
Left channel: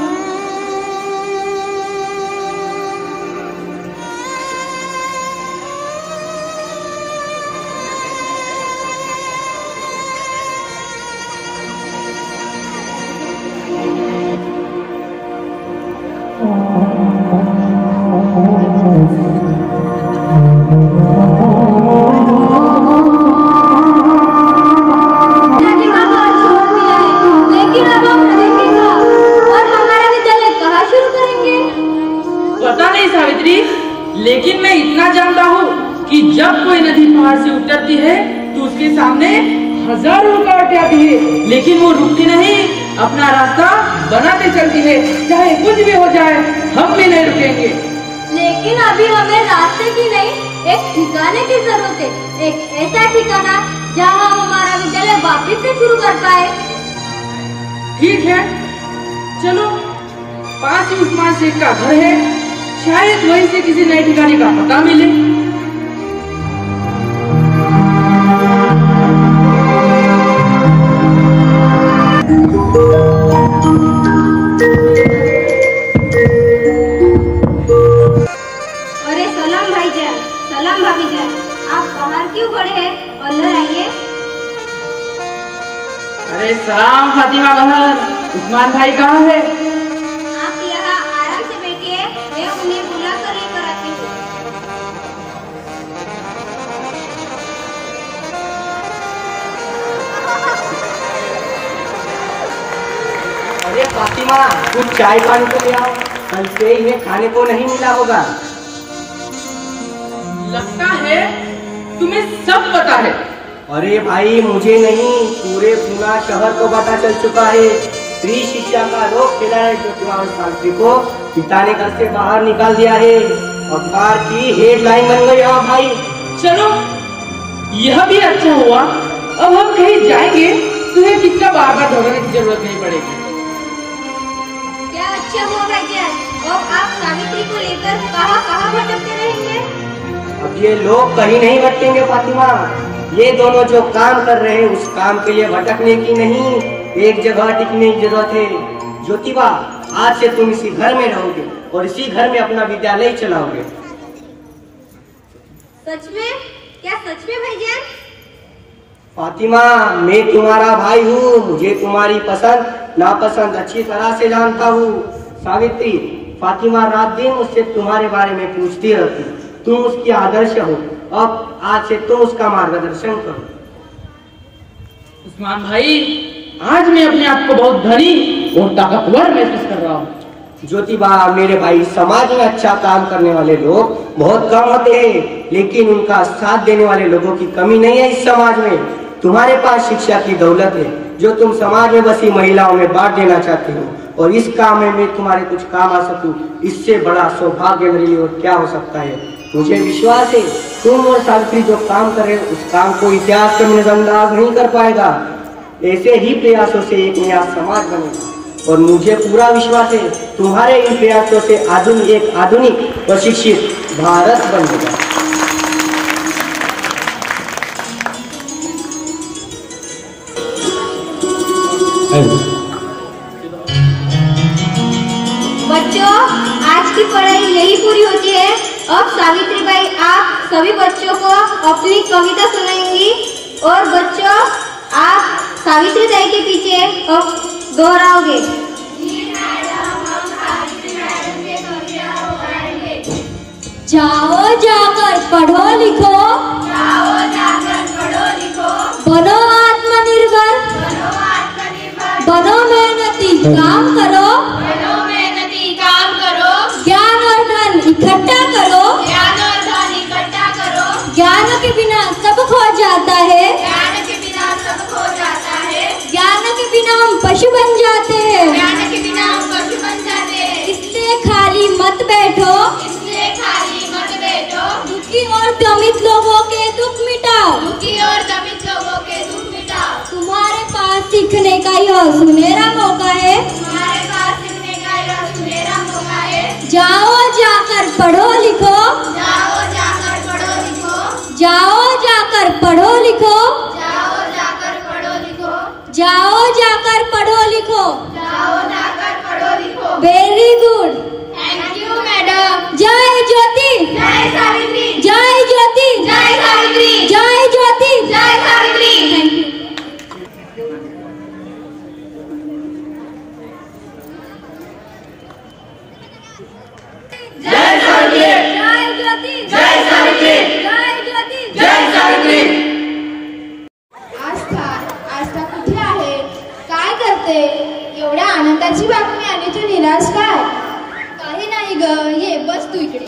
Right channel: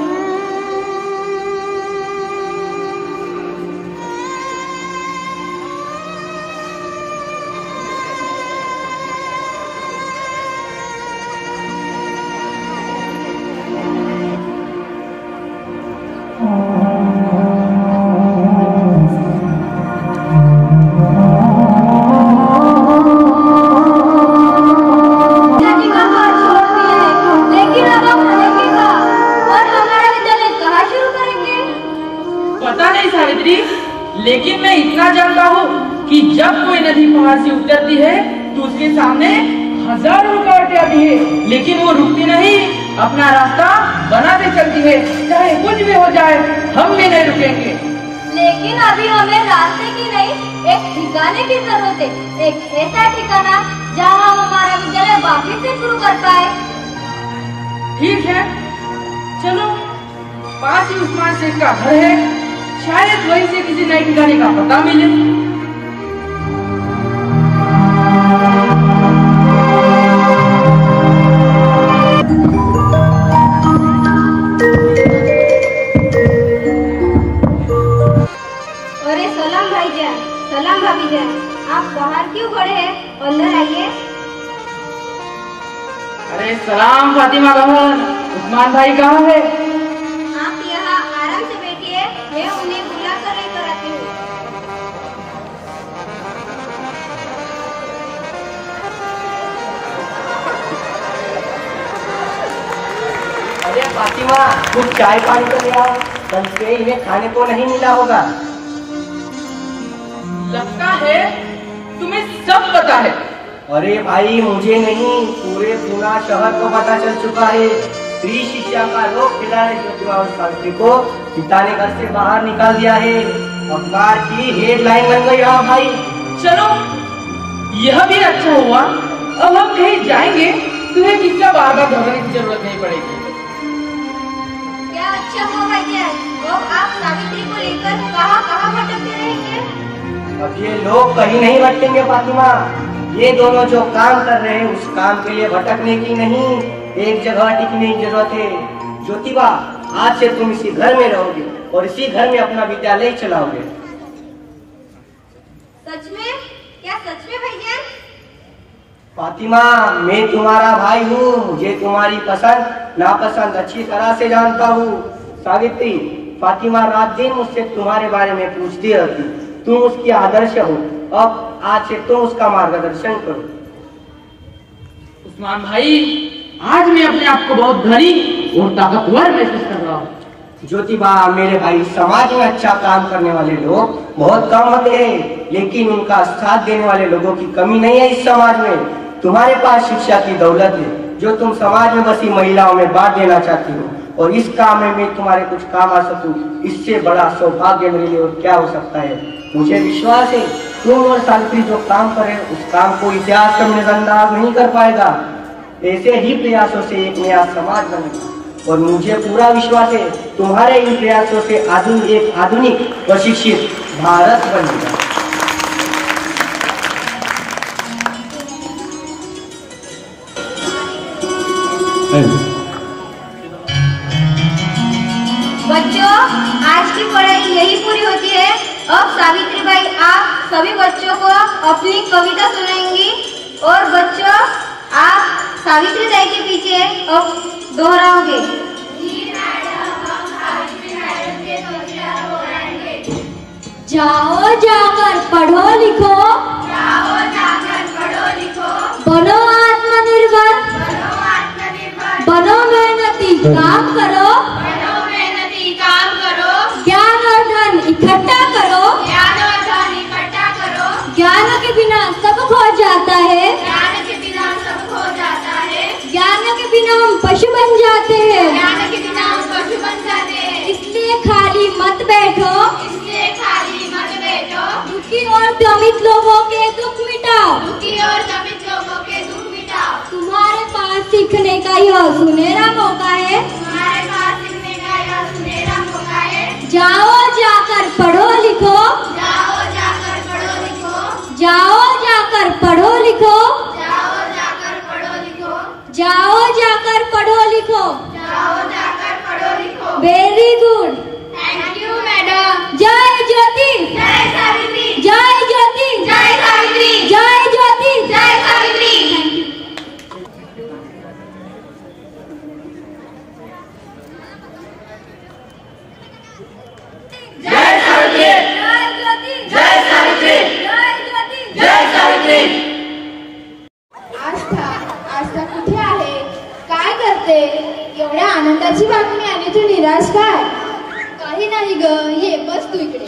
लेकिन मैं इतना जानता हूँ कि जब कोई नदी पहाड़ से उतरती है तो उसके सामने हजारों रुकावटें आती है, लेकिन वो रुकती नहीं, अपना रास्ता बनाते चलती है। चाहे कुछ भी हो जाए, हम भी नहीं रुकेंगे। लेकिन अभी हमें रास्ते की नहीं, एक ठिकाने की जरूरत है। एक ऐसा ठिकाना जहाँ हमारा विद्यालय वापस से शुरू कर पाए। ठीक है, चलो। पास ही उस्मान शेख का घर है, शायद वहीं से किसी नए ठिकाने का पता मिले। अरे सलाम भाईजान, सलाम भाभीजान, आप बाहर क्यों खड़े हैं? अंदर आइए। अरे सलाम फातिमा बहन, उस्मान भाई कहाँ है? आप यहाँ आराम से बैठिए, मैं उन्हें बुला कर लेकर आती हूँ। अरे फातिमा, तू चाय पानी कर लिया, कल से इन्हें खाने को नहीं मिला होगा। लगता है तुम्हें सब पता है। अरे भाई, मुझे नहीं, पूरे पूना शहर को पता चल चुका है। स्त्री शिक्षा का रोग फैलाने ज्योतिबा और सावित्री को पिता ने घर से बाहर निकाल दिया है। अखबार की हेडलाइन बन गई। हाँ भाई, चलो, यह भी अच्छा हुआ। अब हम कहीं जाएंगे, तुम्हें किसका बार बार ढूंढने की जरूरत नहीं पड़ेगी। क्या अच्छा हुआ भाईजान? अब आप सावित्री को लेकर कहाँ कहाँ भटकते रहेंगे? अब ये लोग कहीं नहीं भटकेंगे फातिमा। ये दोनों जो काम कर रहे हैं उस काम के लिए भटकने की नहीं, एक जगह टिकने की जरूरत है। ज्योतिबा, आज से तुम इसी घर में रहोगे और इसी घर में अपना विद्यालय चलाओगे। सच में? क्या सच में भाईजान? फातिमा, मैं तुम्हारा भाई हूँ, मुझे तुम्हारी पसंद नापसंद अच्छी तरह से जानता हूँ। सावित्री, फातिमा रात दिन मुझसे तुम्हारे बारे में पूछती रहती, तुम उसकी आदर्श हो। अब आज से तुम उसका मार्गदर्शन करो। उस्मान भाई, आज मैं अपने आप को बहुत धनी और ताकतवर महसूस कर रहा हूँ। ज्योतिबा मेरे भाई, समाज में अच्छा काम करने वाले लोग बहुत कम होते हैं, लेकिन उनका साथ देने वाले लोगों की कमी नहीं है इस समाज में। तुम्हारे पास शिक्षा की दौलत है जो तुम समाज में बसी महिलाओं में बांट देना चाहते हो, और इस काम में मैं तुम्हारे कुछ काम आ सकूं, इससे बड़ा सौभाग्य मेरे लिए और क्या हो सकता है। मुझे विश्वास है तुम और सावित्री जो काम कर रहे हो उस काम को इतिहास का नजरअंदाज नहीं कर पाएगा। ऐसे ही प्रयासों से एक नया समाज बनेगा, और मुझे पूरा विश्वास है तुम्हारे इन प्रयासों से एक आधुनिक और शिक्षित भारत बनेगा। बच्चों, आज की पढ़ाई यही पूरी होती है। अब सावित्री बाई आप सभी बच्चों को अपनी कविता सुनाएंगी, और बच्चों आप सावित्री बाई के पीछे अब दोहराओगे। जाओ जाकर पढ़ो लिखो, जाओ जाकर पढ़ो लिखो, बनो आत्मनिर्भर, बनो मेहनती काम करो, बनो मेहनती काम करो, ज्ञान और धन इकट्ठा करो, ज्ञान और धन इकट्ठा करो, ज्ञान के बिना सब खो जाता है, ज्ञान के बिना सब खो जाता है, ज्ञान के बिना हम पशु बन जाते हैं, ज्ञान के बिना हम पशु बन जाते हैं। इसलिए खाली मत बैठो, इसलिए खाली मत बैठो, दुखी और दमित लोगों के दुख मिटाओ, दुखी और दमित लोगों के दुख मिटाओ। तुम्हारे पास सीखने का यह सुनहरा मौका है, तुम्हारे पास सीखने का यह सुनहरा मौका है। जाओ जाकर पढ़ो लिखो, जाओ जाकर पढ़ो लिखो, जाओ जाकर पढ़ो लिखो, जाओ जाकर पढ़ो लिखो, जाओ जाकर पढ़ो लिखो। जाओ जाकर पढ़ो लिखो। Very good, thank you madam. जय ज्योति, जय सावित्री, जय ज्योति, जय सावित्री, जय ज्योति, जय सावित्री। Thank you. जय सावित्री, जय ज्योति, जय सावित्री, जय ज्योति, जय सावित्री। आस्था, आस्था कुठे आहे? काय करते? एवढ्या आनंदाची बातमी आणि तू निराश काय? काही नाही ग, ये बस तू इकडे.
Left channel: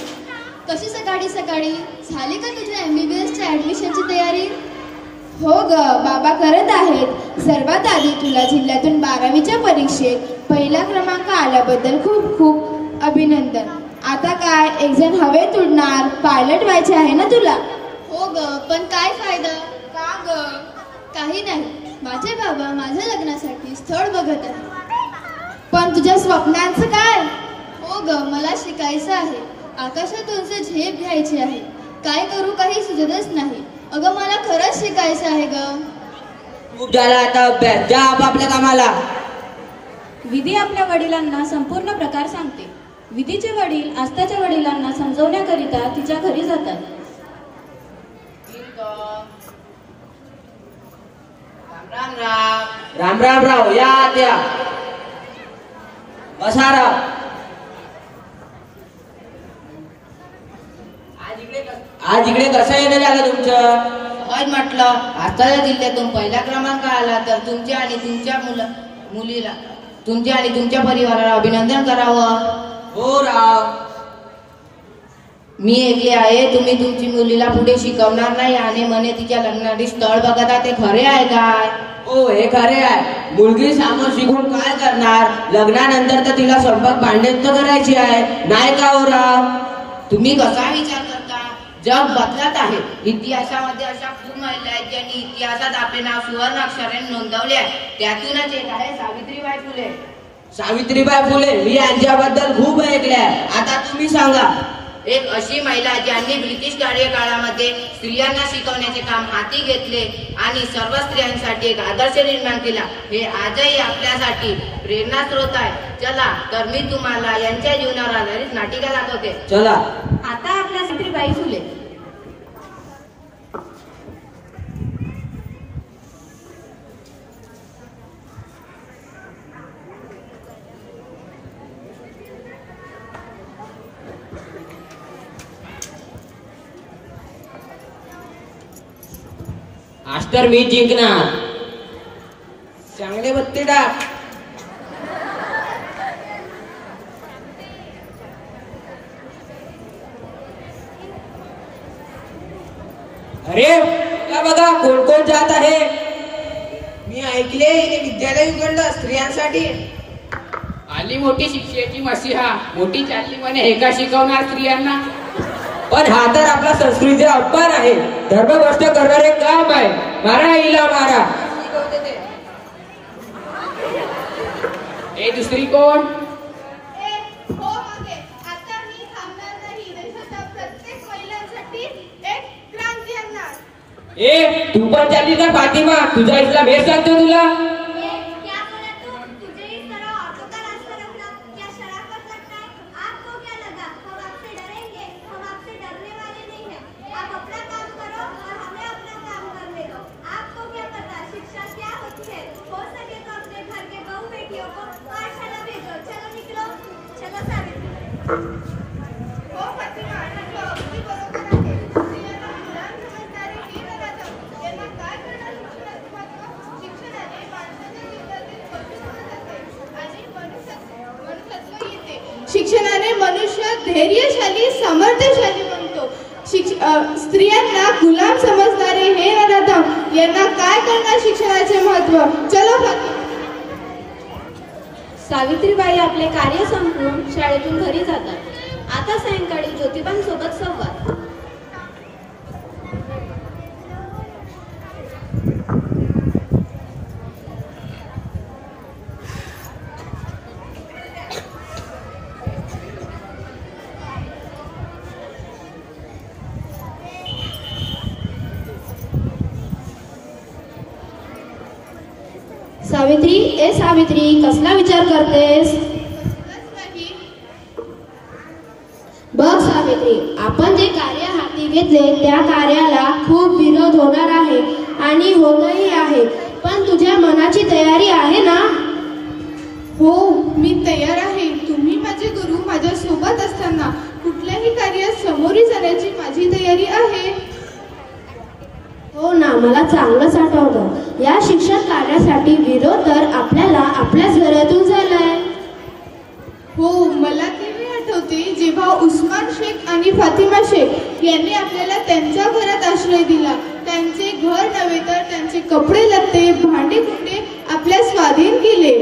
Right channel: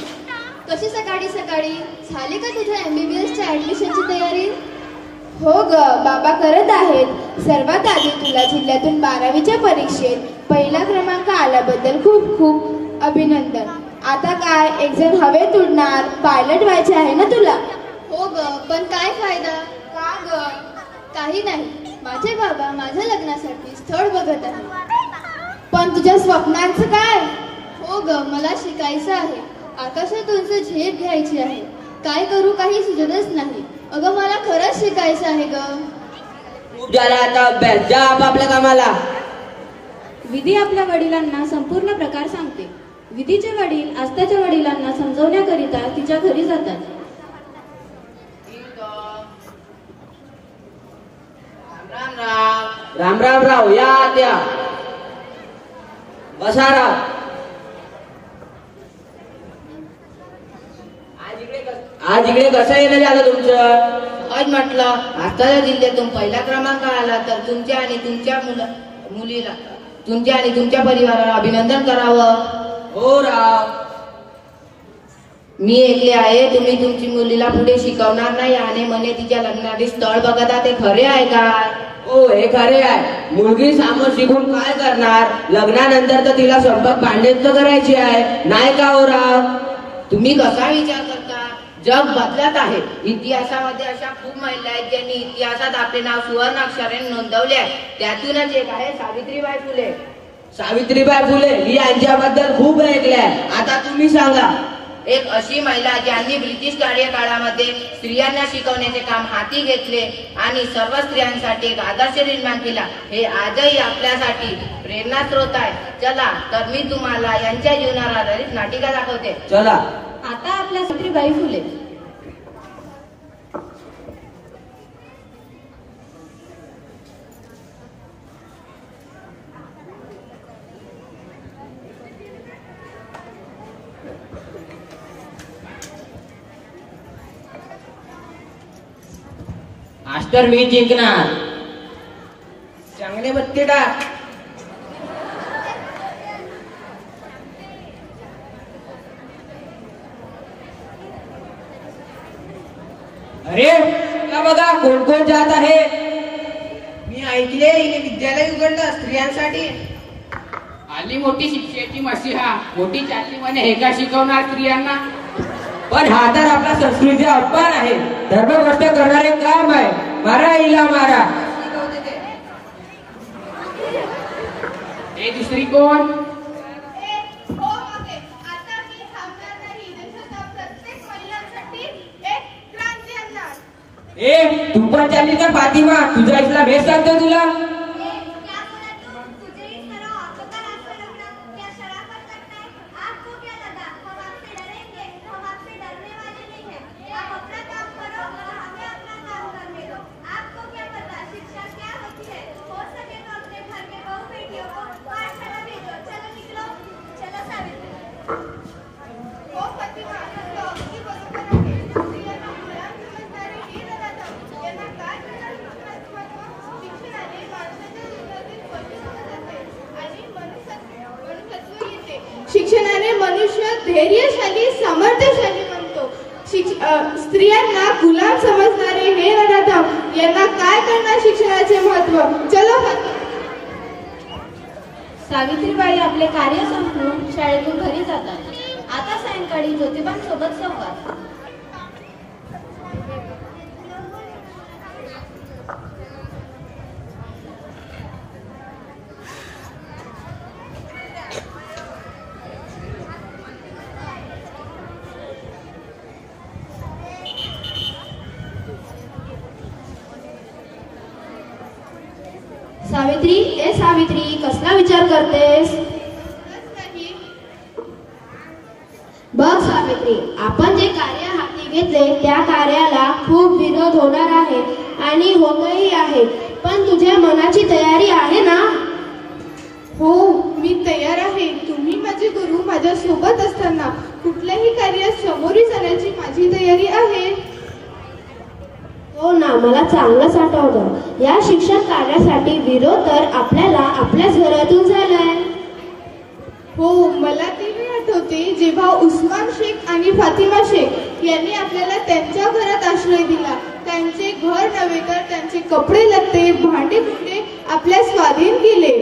कशी सकाळी सकाळी झाली का तुझ्या MBBS च्या ऍडमिशनची तयारी? हो ग, बाबा करत आहेत. सर्वात आधी तुला जिल्ह्यातून 12वीच्या परीक्षेत पहिला क्रमांक आल्याबद्दल खूप खूप अभिनंदन. आता काय एक्झाम हवेत उडणार, पायलट व्हायचे आहे ना तुला? हो ग, पण काय फायदा? का ग? काही नाही, माझे बाबा माझ्या लग्नासाठी स्थळ बघत आहेत. पण तुझ्या स्वप्नांचं काय? हो ग, मला शिकायचं आहे. आकाशात उंच झेप घ्यायची आहे. काय करू काही सुचतच नाही. अगं मला खरंच शिकायचं आहे ग. खूप झाला आता अभ्यास, जा आपापल्या कामाला. विधी आपल्या वडिलांना संपूर्ण प्रकार सांगते. विधीचे वडील आस्थाच्या वडिलांना समजवण्याकरिता तिच्या घरी जातात. राम राम राव, या त्या बसा राव. आज इकडे कसं येणं झालं तुमचं? आज म्हटलं आजच्या जिल्ह्यातून पहिला क्रमांक आला तर तुमच्या आणि तुमच्या मुलीला तुमच्या आणि तुमच्या परिवाराला अभिनंदन करावं. हो राव, मी ऐकले आहे तुम्ही तुमची मुलीला पुढे शिकवणार नाही आणि म्हणे तिच्या लग्नासाठी स्थळ बघता, ते खरे आहे का? हो हे खरे आहे. मुलगी समोर शिकून काय करणार? लग्नानंतर तर तिला स्वयंपाक भांडेच करायची आहे, नाही का हो राव? तुम्ही कसा विचार करता? जग बदलत आहे. इतिहासामध्ये अशा खूप महिला आहेत ज्यांनी इतिहासात आपले नाव सुवर्ण अक्षराने नोंदवले आहे. त्यातूनच एक आहे सावित्रीबाई फुले. सावित्रीबाई फुले मी यांच्याबद्दल खूप ऐकलंय. आता तुम्ही सांगा. एक अशी महिला ज्यांनी ब्रिटिश कार्यकाळामध्ये स्त्रियांना शिकवण्याचे काम हाती घेतले आणि सर्व स्त्रियांसाठी एक आदर्श निर्माण केला. हे आजही आपल्यासाठी प्रेरणा स्रोत आहे. चला तर मी तुम्हाला यांच्या जीवनावर आधारित नाटिका दाखवते. चला. आता आपल्या सावित्रीबाई फुले. आज तर मी जिंकणार. चांगले बत्ते टाक. अरे बघा कोण कोण जात आहे. मी ऐकले हे विद्यालय उघडलं स्त्रियांसाठी. आली मोठी शिक्षेची मसीहा, मोठी चालली म्हणे हे का शिकवणार स्त्रियांना. पण हा तर आपला संस्कृतीचा अपमान आहे. धर्मभ्रष्ट करणारे काम आहे. मारा हिला मारा. हे दुसरी कोण? ए तू पण चालली का फातिमा? तुझा इस्लाम हे सांगतो तुला. शिक्षणाने मनुष्य धैर्यशाली समर्थशाली बनतो. स्त्रियांना गुलाम समजणारे हे नराधम यांना काय करणार शिक्षणाचे महत्व. चलो सावित्रीबाई आपले कार्य संपवून शाळेतून घरी जातात. आता सायंकाळी ज्योतिबांसोबत संवाद. सावित्री, ए सावित्री, कसला विचार करतेस? बघ सावित्री, आपण जे कार्य हाती घेतले त्या कार्याला खूप विरोध होणार आहे आणि होतही आहे. पण तुझ्या मनाची तयारी आहे ना? हो, मी तयार आहे. तुम्ही माझे गुरु, माझ्या सोबत असताना कुठल्याही कार्यात सामोरी जाण्याची माझी तयारी आहे. हो ना, मला चांगलंच आठवतं. या शिक्षण कार्यासाठी विरोध तर आपल्याला आपल्याच घरातून झालाय. हो, मला तेही आठवते जेव्हा उस्मान शेख आणि फातिमा शेख यांनी आपल्याला त्यांच्या घरात आश्रय दिला. त्यांचे घर नव्हे तर त्यांचे कपडे लत्ते, भांडे कुंडे आपल्या स्वाधीन केले.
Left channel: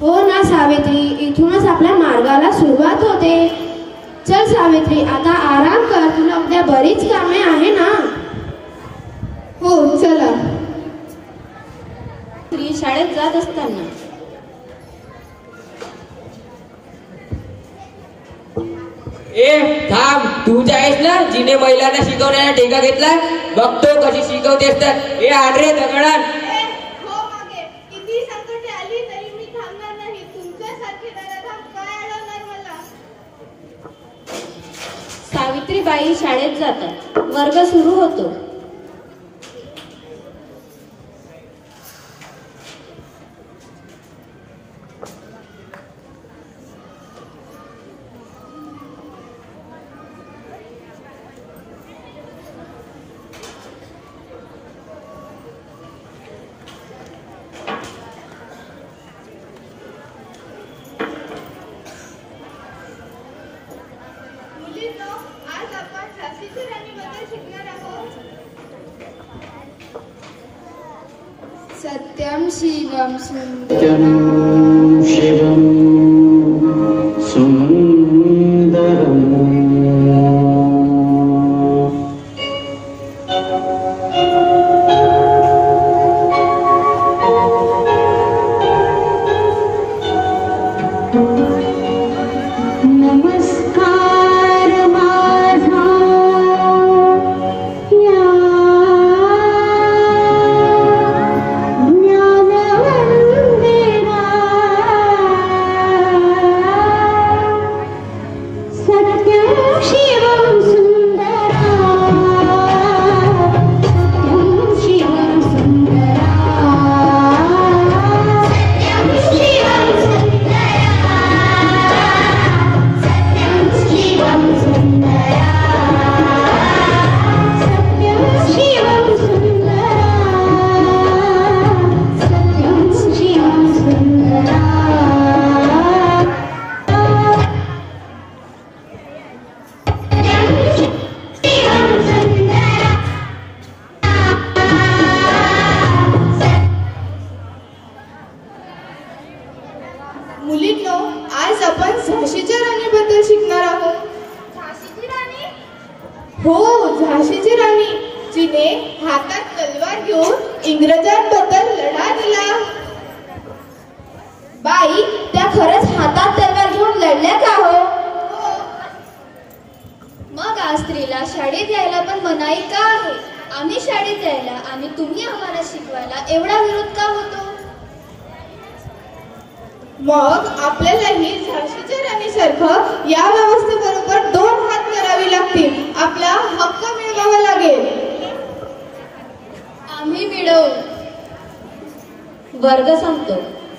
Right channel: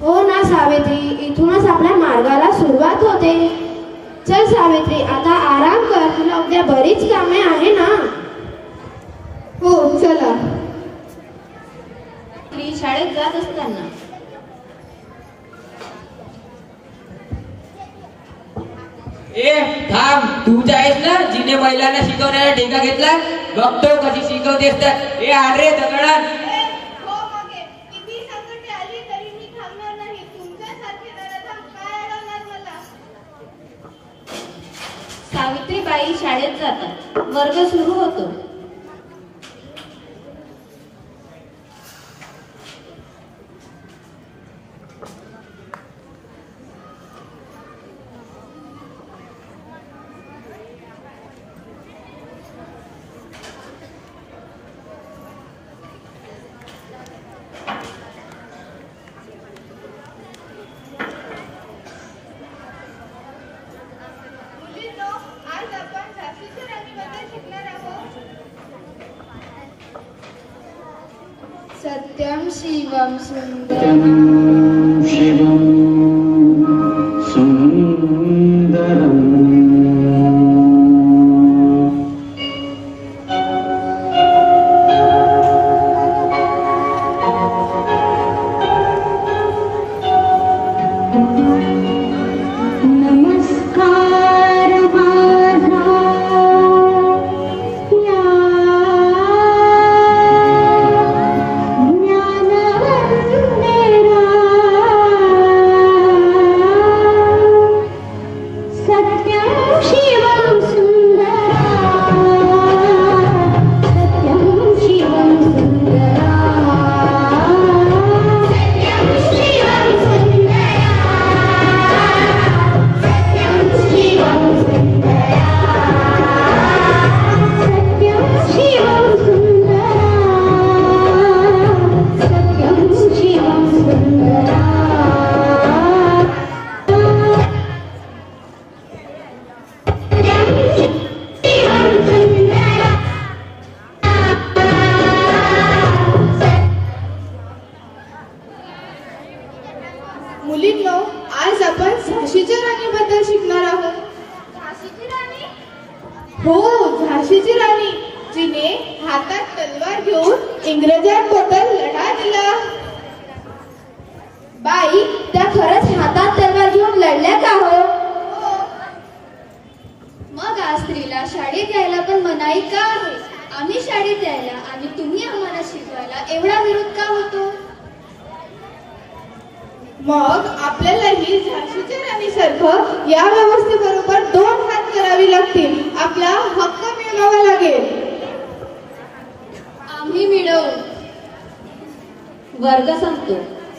हो ना सावित्री, इथूनच आपल्या मार्गाला सुरुवात होते. चल सावित्री, आता आराम कर. तुला उद्या बरीच कामे आहे ना? हो चला. शाळेत जात असताना तूच आहेस ना जिने महिलांना शिकवण्याला ठेका घेतला? बघतो कशी शिकवतेस तर. हे आण रे दगडान. हो मागे किती संकटे आली तरी मी थांबणार नाही. तुमच्यासारखे नराधम काय अडवणार मला? सावित्रीबाई शाळेत जातात. वर्ग सुरू होतो. मुलींनो, आज आपण झाशीच्या राणीबद्दल शिकणार आहोत. सत्यम शिवम सत्यं शिवं सुंदरम्. नमस्कार माझा या ज्ञानवंतेरा. सत्यं शिवं सुंदरा. सत्यं शिवं सुंदरा. सत्यं शिवं सुंदरा. सत्यं शिवं सुंदरा. सत्यं शिवं सुंदरा. सत्यं शिवं सुंदरा. मुलींनो, आज आपण झाशीच्या राणीबद्दल शिकणार आहोत. झाशीची राणी? हो, झाशीची राणी, जिने हातात तलवार घेऊन इंग्रजांबद्दल लढा दिला. बाई, त्या खरंच हातात तलवार घेऊन लढल्या का हो? मग आज स्त्रीला शाळेत यायला पण मनाई का आहे? आम्ही शाळेत यायला आणि तुम्ही आम्हाला शिकवायला एवढा विरोध का होतो? मग आपल्यालाही झाशीच्या राणीसारखं या व्यवस्थेबरोबर 2 हात करावी लागतील. आपला हक्क मिळवावा लागेल. आम्ही मिळवू. वर्ग संपतो.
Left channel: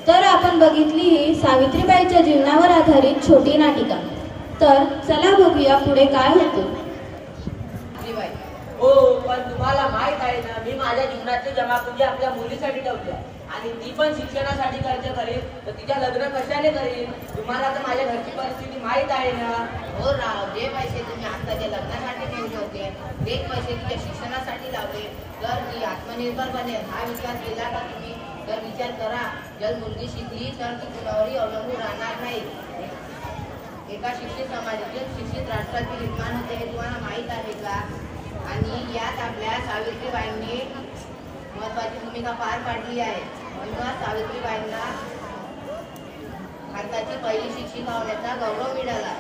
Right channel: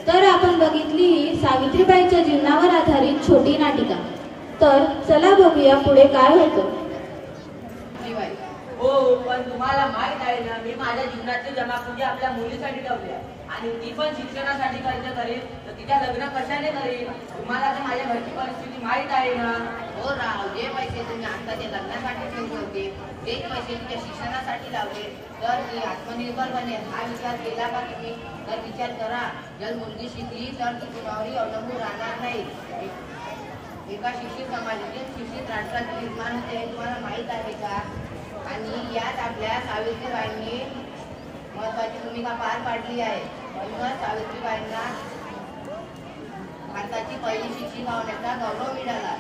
तर आपण बघितली ही सावित्रीबाईच्या जीवनावर आधारित छोटी नाटिका. तर चला बघूया पुढे काय होतं. हो, पण तुम्हाला माहित आहे ना, मी माझ्या जीवनातली जमापुंजी आपल्या मुलीसाठी ठेवली आहे आणि ती पण शिक्षणासाठी खर्च करेल, तर तिच्या लग्न कशाने करेल? तुम्हाला तर माझ्या घरची परिस्थिती माहित आहे ना. हो राव, जे पैसे तुम्ही आत्ताच्या लग्नासाठी ठेवले होते तेच पैसे तिच्या शिक्षणासाठी लावले तर ती आत्मनिर्भर बनेल हा विचार केला का तुम्ही? तर विचार करा, जर मुलगी शिकली तर ती कुणावरही अवलंबून राहणार नाही. एका शिक्षित समाजातील शिक्षित राष्ट्राचे निर्माण होते हे तुम्हाला माहीत आहे का? आणि यात आपल्या सावित्रीबाईंनी महत्वाची भूमिका पार पाडली आहे. म्हणूनच सावित्रीबाईंना भारताची पहिली शिक्षिका होण्याचा गौरव मिळाला.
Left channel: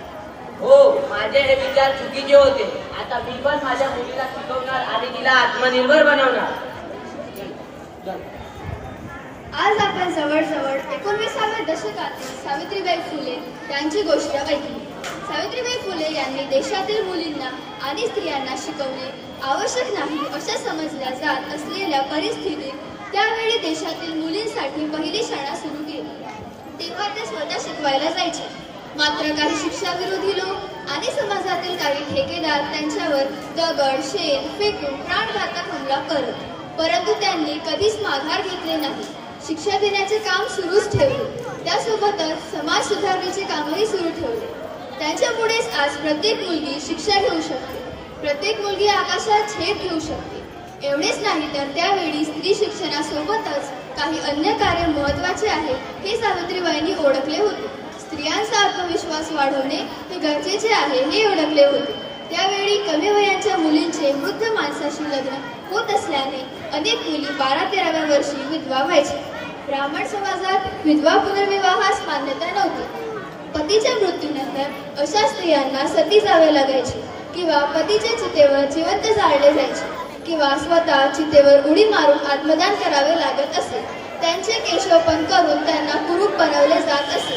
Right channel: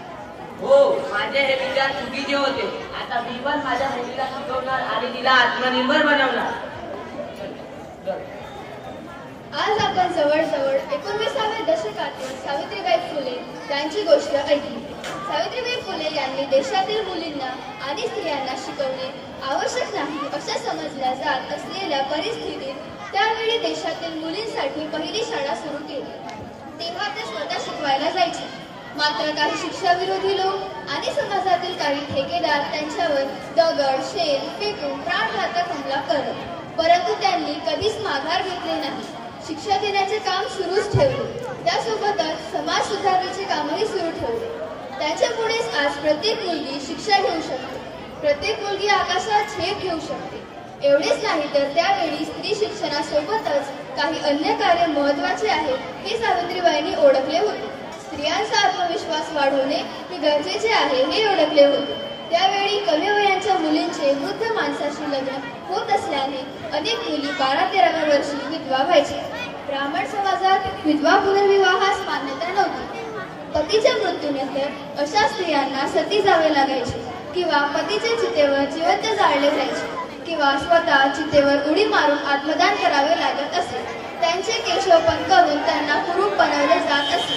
हो, माझे हे विचार चुकीचे होते. आता मी पण माझ्या मुलीला शिकवणार आणि तिला आत्मनिर्भर बनवणार. आज आपण जवळजवळ 19व्या दशकातील सावित्रीबाई फुले यांची गोष्ट ऐकली. सावित्रीबाई फुले यांनी देशातील मुलींना आणि स्त्रियांना शिकवणे आवश्यक नाही असे समजल्या जात असलेल्या परिस्थितीत त्यावेळी देशातील मुलींसाठी पहिली शाळा सुरू केली. तेव्हा ते स्वतः शिकवायला जायचे. मात्र काही शिक्षाविरोधी लोक आणि समाजातील काही ठेकेदार त्यांच्यावर दगड शेण फेकून प्राणघातक हमला करत, परंतु त्यांनी कधीच माघार घेतली नाही. शिक्षा देण्याचे काम सुरूच ठेवले. त्यासोबतच समाज सुधारणेचे कामही सुरू ठेवले. त्यांच्या पुढेच आज प्रत्येक मुलगी शिक्षा घेऊ शकते. प्रत्येक मुलगी आकाशात झेप घेऊ शकते. एवढेच नाही तर त्यावेळी स्त्री शिक्षणासोबतच काही अन्य कार्य महत्वाचे आहे हे सावित्रीबाईंनी ओळखले होते. स्त्रियांचा आत्मविश्वास वाढवणे हे गरजेचे आहे हे ओळखले होते. त्यावेळी कमी वयाच्या मुलींचे वृद्ध माणसाशी लग्न होत असल्याने अनेक मुली 12-13व्या वर्षी विधवा व्हायच्या. ब्राह्मण समाजात विधवा पुनर्विवाहास मान्यता नव्हती. पतीच्या मृत्यूनंतर अशा स्त्रियांना सती जावे लागायचे. किंवा पतीच्या चितेवर जिवंत जाळले जायचे किंवा स्वतः चितेवर उडी मारून आत्मदान करावे लागत असे. त्यांचे केशोपन करून त्यांना कुरूप बनवले जात असे.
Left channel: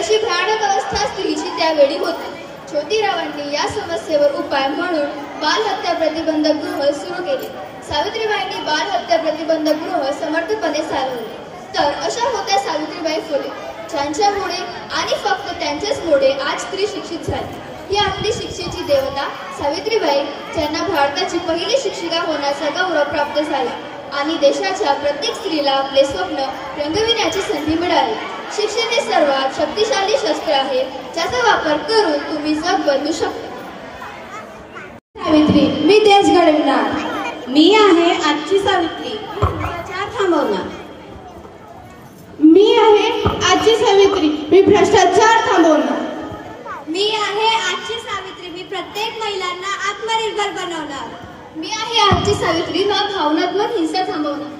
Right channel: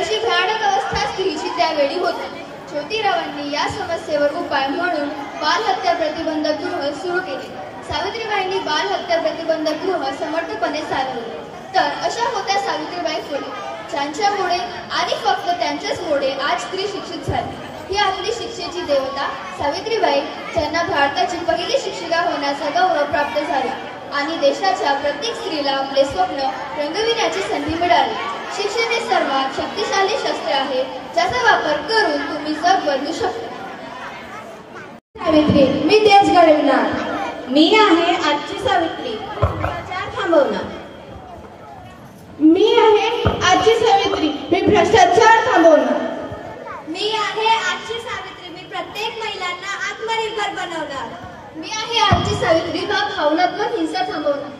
अशी भयानक अवस्था स्त्रीची त्यावेळी होती. ज्योतिरावांनी या समस्येवर उपाय म्हणून बालहत्या प्रतिबंधक गृह सुरू केले. सावित्रीबाईंनी बालहत्या प्रतिबंधक गृह समर्थपणे चालवले. तर अशा होत्या सावित्रीबाई फुले, ज्यांच्यामुळे आणि फक्त त्यांच्याचमुळे आज स्त्री शिक्षित झाली. ही आपली शिक्षेची देवता सावित्रीबाई, ज्यांना भारताची पहिली शिक्षिका होण्याचा गौरव प्राप्त झाला आणि देशाच्या प्रत्येक स्त्रीला आपले स्वप्न रंगविण्याची संधी मिळाली. शिक्षण हे सर्वात शक्तिशाली शस्त्र आहे, ज्याचा वापर करून तुम्ही जग बदलू शकता. सावित्री, मी देश घडवणार. मी आहे आजची सावित्री, भ्रष्टाचार थांबवणार. मी आहे आजची सावित्री, मी भ्रष्टाचार थांबवणार. मी आहे आजची सावित्री, मी प्रत्येक महिलांना आत्मनिर्भर बनवणार. मी आहे आजची सावित्री, ना भावनात्मक हिंसा थांबवणार.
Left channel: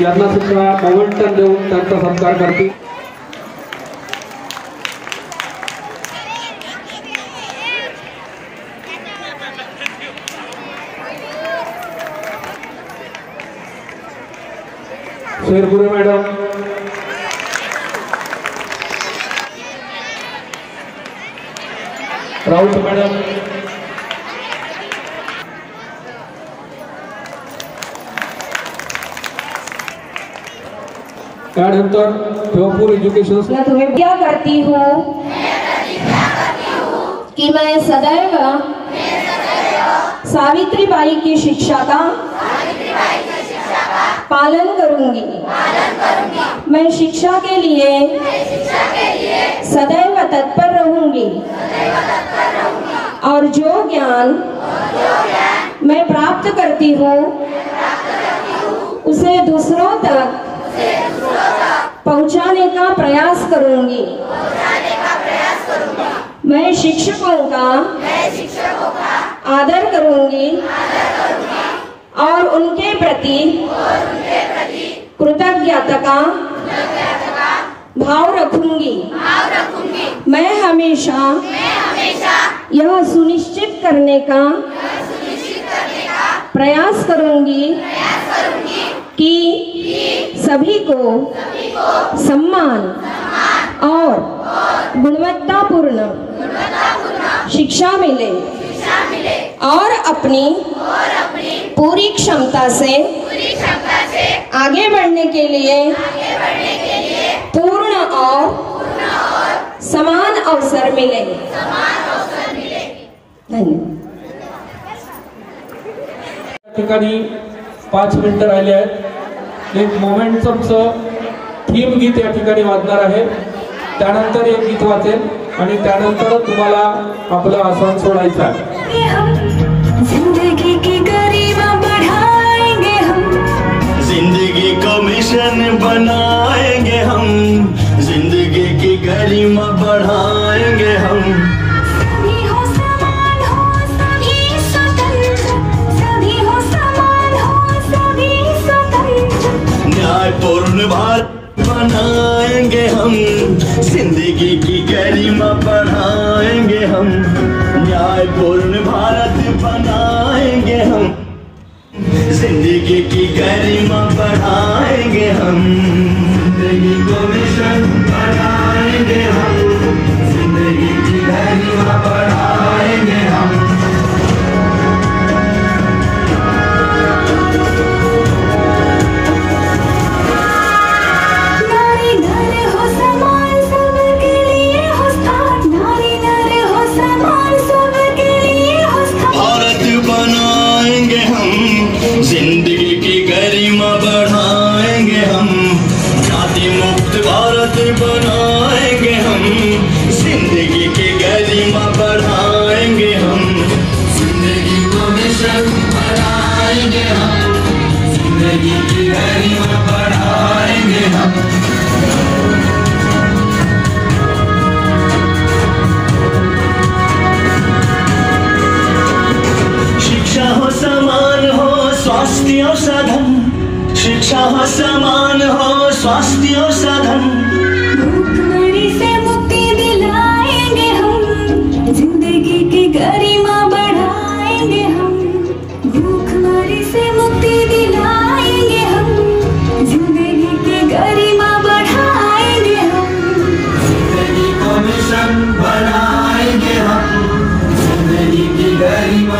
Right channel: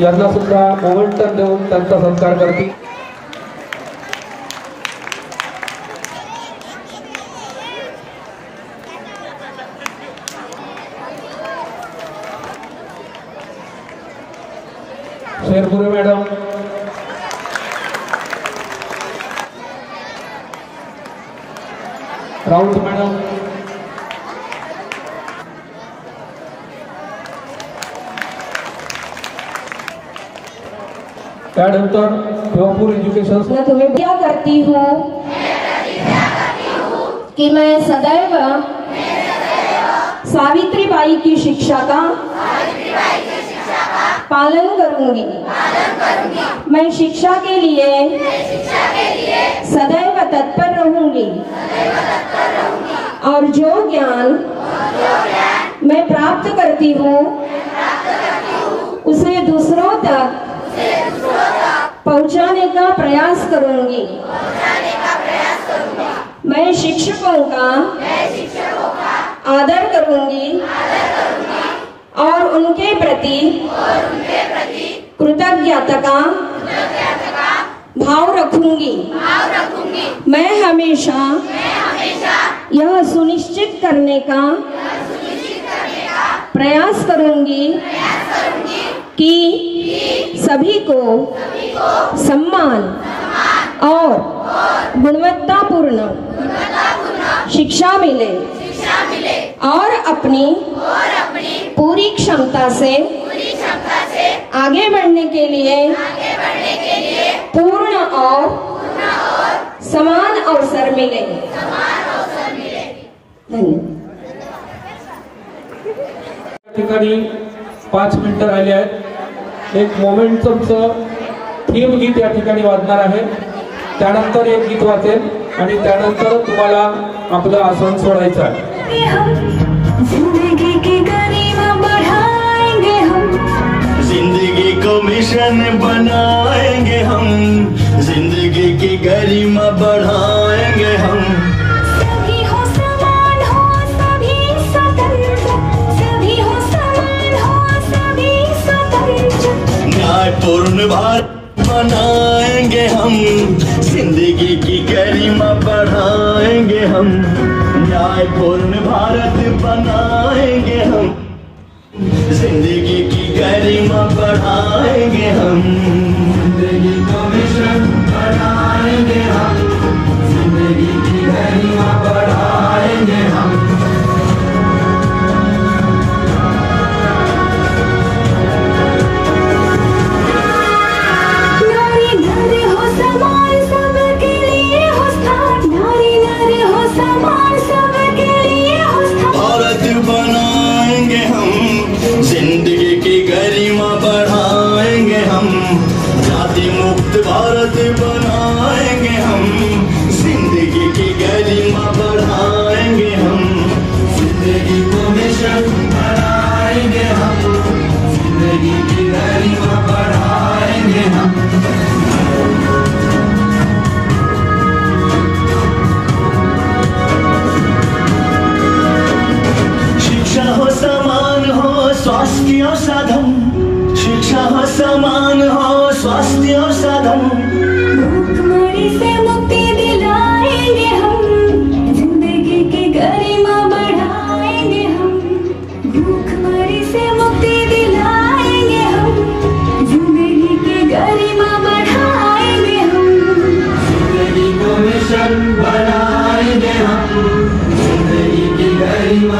यांना सुद्धा मोमेंटम देऊन त्यांचा सत्कार करतील. शेरपुरे मॅडम, राऊत मॅडम, त्यानंतर भिवापूर एजुकेशन. तुम्हें क्या करती हूँ कि मैं सदैव सावित्रीबाई की शिक्षा का पालन करूंगी. मैं शिक्षा के लिए सदैव तत्पर रहूंगी और जो ज्ञान मैं प्राप्त करती हूँ उसे दूसरों तक पहुंचाने का प्रयास करूंगी. मैं शिक्षकों का आदर करूंगी और उनके प्रति कृतज्ञता का भाव रखूंगी. मैं हमेशा यह सुनिश्चित करने का प्रयास करूंगी कि सभी को सम्मान और गुणवत्तापूर्ण शिक्षा मिले और अपनी पूरी क्षमता से आगे बढ़ने के लिए पूर्ण और समान अवसर मिले. धन्यवाद. ठिकाणी 5 मिनिटं राहिले आहेत. एक मोमेंटमचं थीम गीत या ठिकाणी वाजणार आहे. त्यानंतर एक गीत वाचेल आणि त्यानंतर तुम्हाला आपलं आसन सोडायचं आहे. जिंदगी की गरिमा बढ़ाएंगे हम, जिंदगी को मिशन बनाएंगे हम, जिंदगी की गरिमा बढ़ाएंगे हम. सभी हो समान हो, सभी स्वतंत्र, सभी हो समान हो, सभी स्वतंत्र. न्यायपूर्ण भारत बनाएंगे हम, जिंदगी की गरिमा बढ़ाएंगे हम. न्यायपूर्ण भारत बनाएंगे हम, जिंदगी की गरिमा बढ़ाएंगे हम. जिंदगी को मिशन बनाएंगे हम, जिंदगी की गरिमा बढ़ाएंगे हम. नारी नर हो समान, सबके लिए हो स्थान. नारी नर हो समान, सबके लिए हो स्थान. भारत बनाएंगे हम, जिंदगी की गरिमा बढ़ा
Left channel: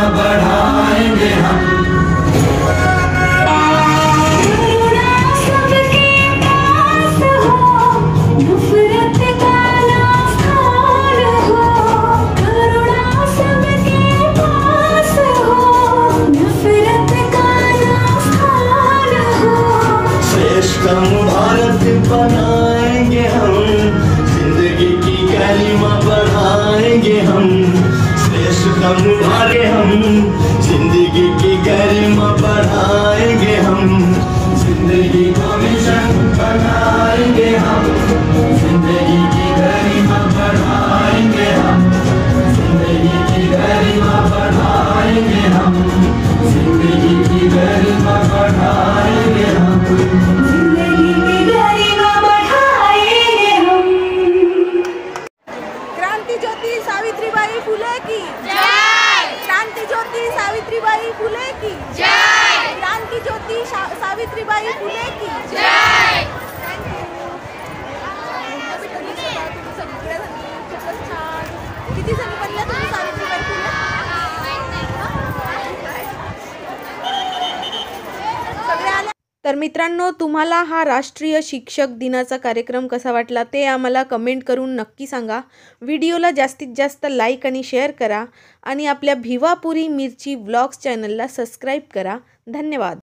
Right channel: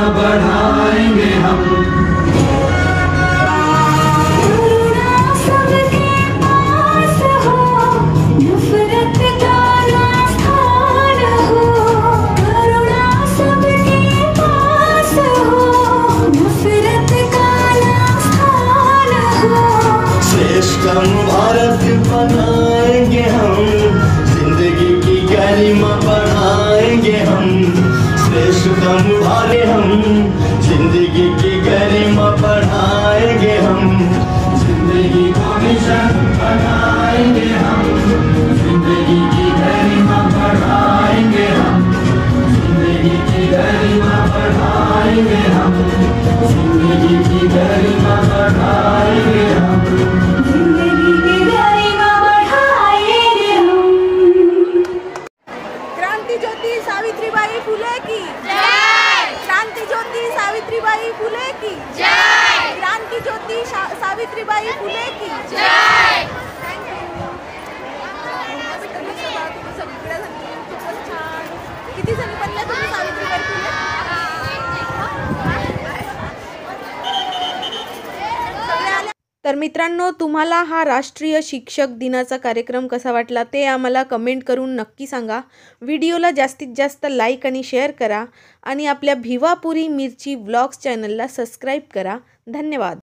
गरिमा बढ़ाएंगे हम। सबके पास हो, नफरत का ना स्थान हो। करुणा सबके पास हो, नफरत का ना स्थान हो। श्रेष्ठ भारत बनाएंगे हम, जिंदगी की गरिमा बढ़ाएंगे हम। श्रेष्ठतम भारत हम, जिंदगी की गरिमा बढ़ाएंगे हम। जिंदगी को मिशन बनाएंगे हम, जिंदगी की गरिमा बढ़ाएंगे हम। जिंदगी की गरिमा बढ़ाएंगे हम, जिंदगी की गरिमा बढ़ाएंगे हम। जिंदगी की गरिमा बढ़ाएंगे हम। क्रांती ज्योति सावित्रीबाई फुले की जय। क्रांती ज्योति सावित्रीबाई फुले की जय। क्रांती ज्योति सावित्रीबाई फुले की जय। तुम्ही सगळ्या जणी खूपच छान. किती जणी बनल्या तुम्ही सावित्रीबाई फुले? सगळ्या आल्या. तर मित्रांनो, तुम्हाला हा राष्ट्रीय शिक्षक दिनाचा कार्यक्रम कसा वाटला ते आम्हाला कमेंट करून नक्की सांगा. व्हिडिओला जास्तीत जास्त लाईक आणि शेअर करा आणि आपल्या भिवापुरी मिरची व्लॉग्स चॅनलला सबस्क्राईब करा. धन्यवाद.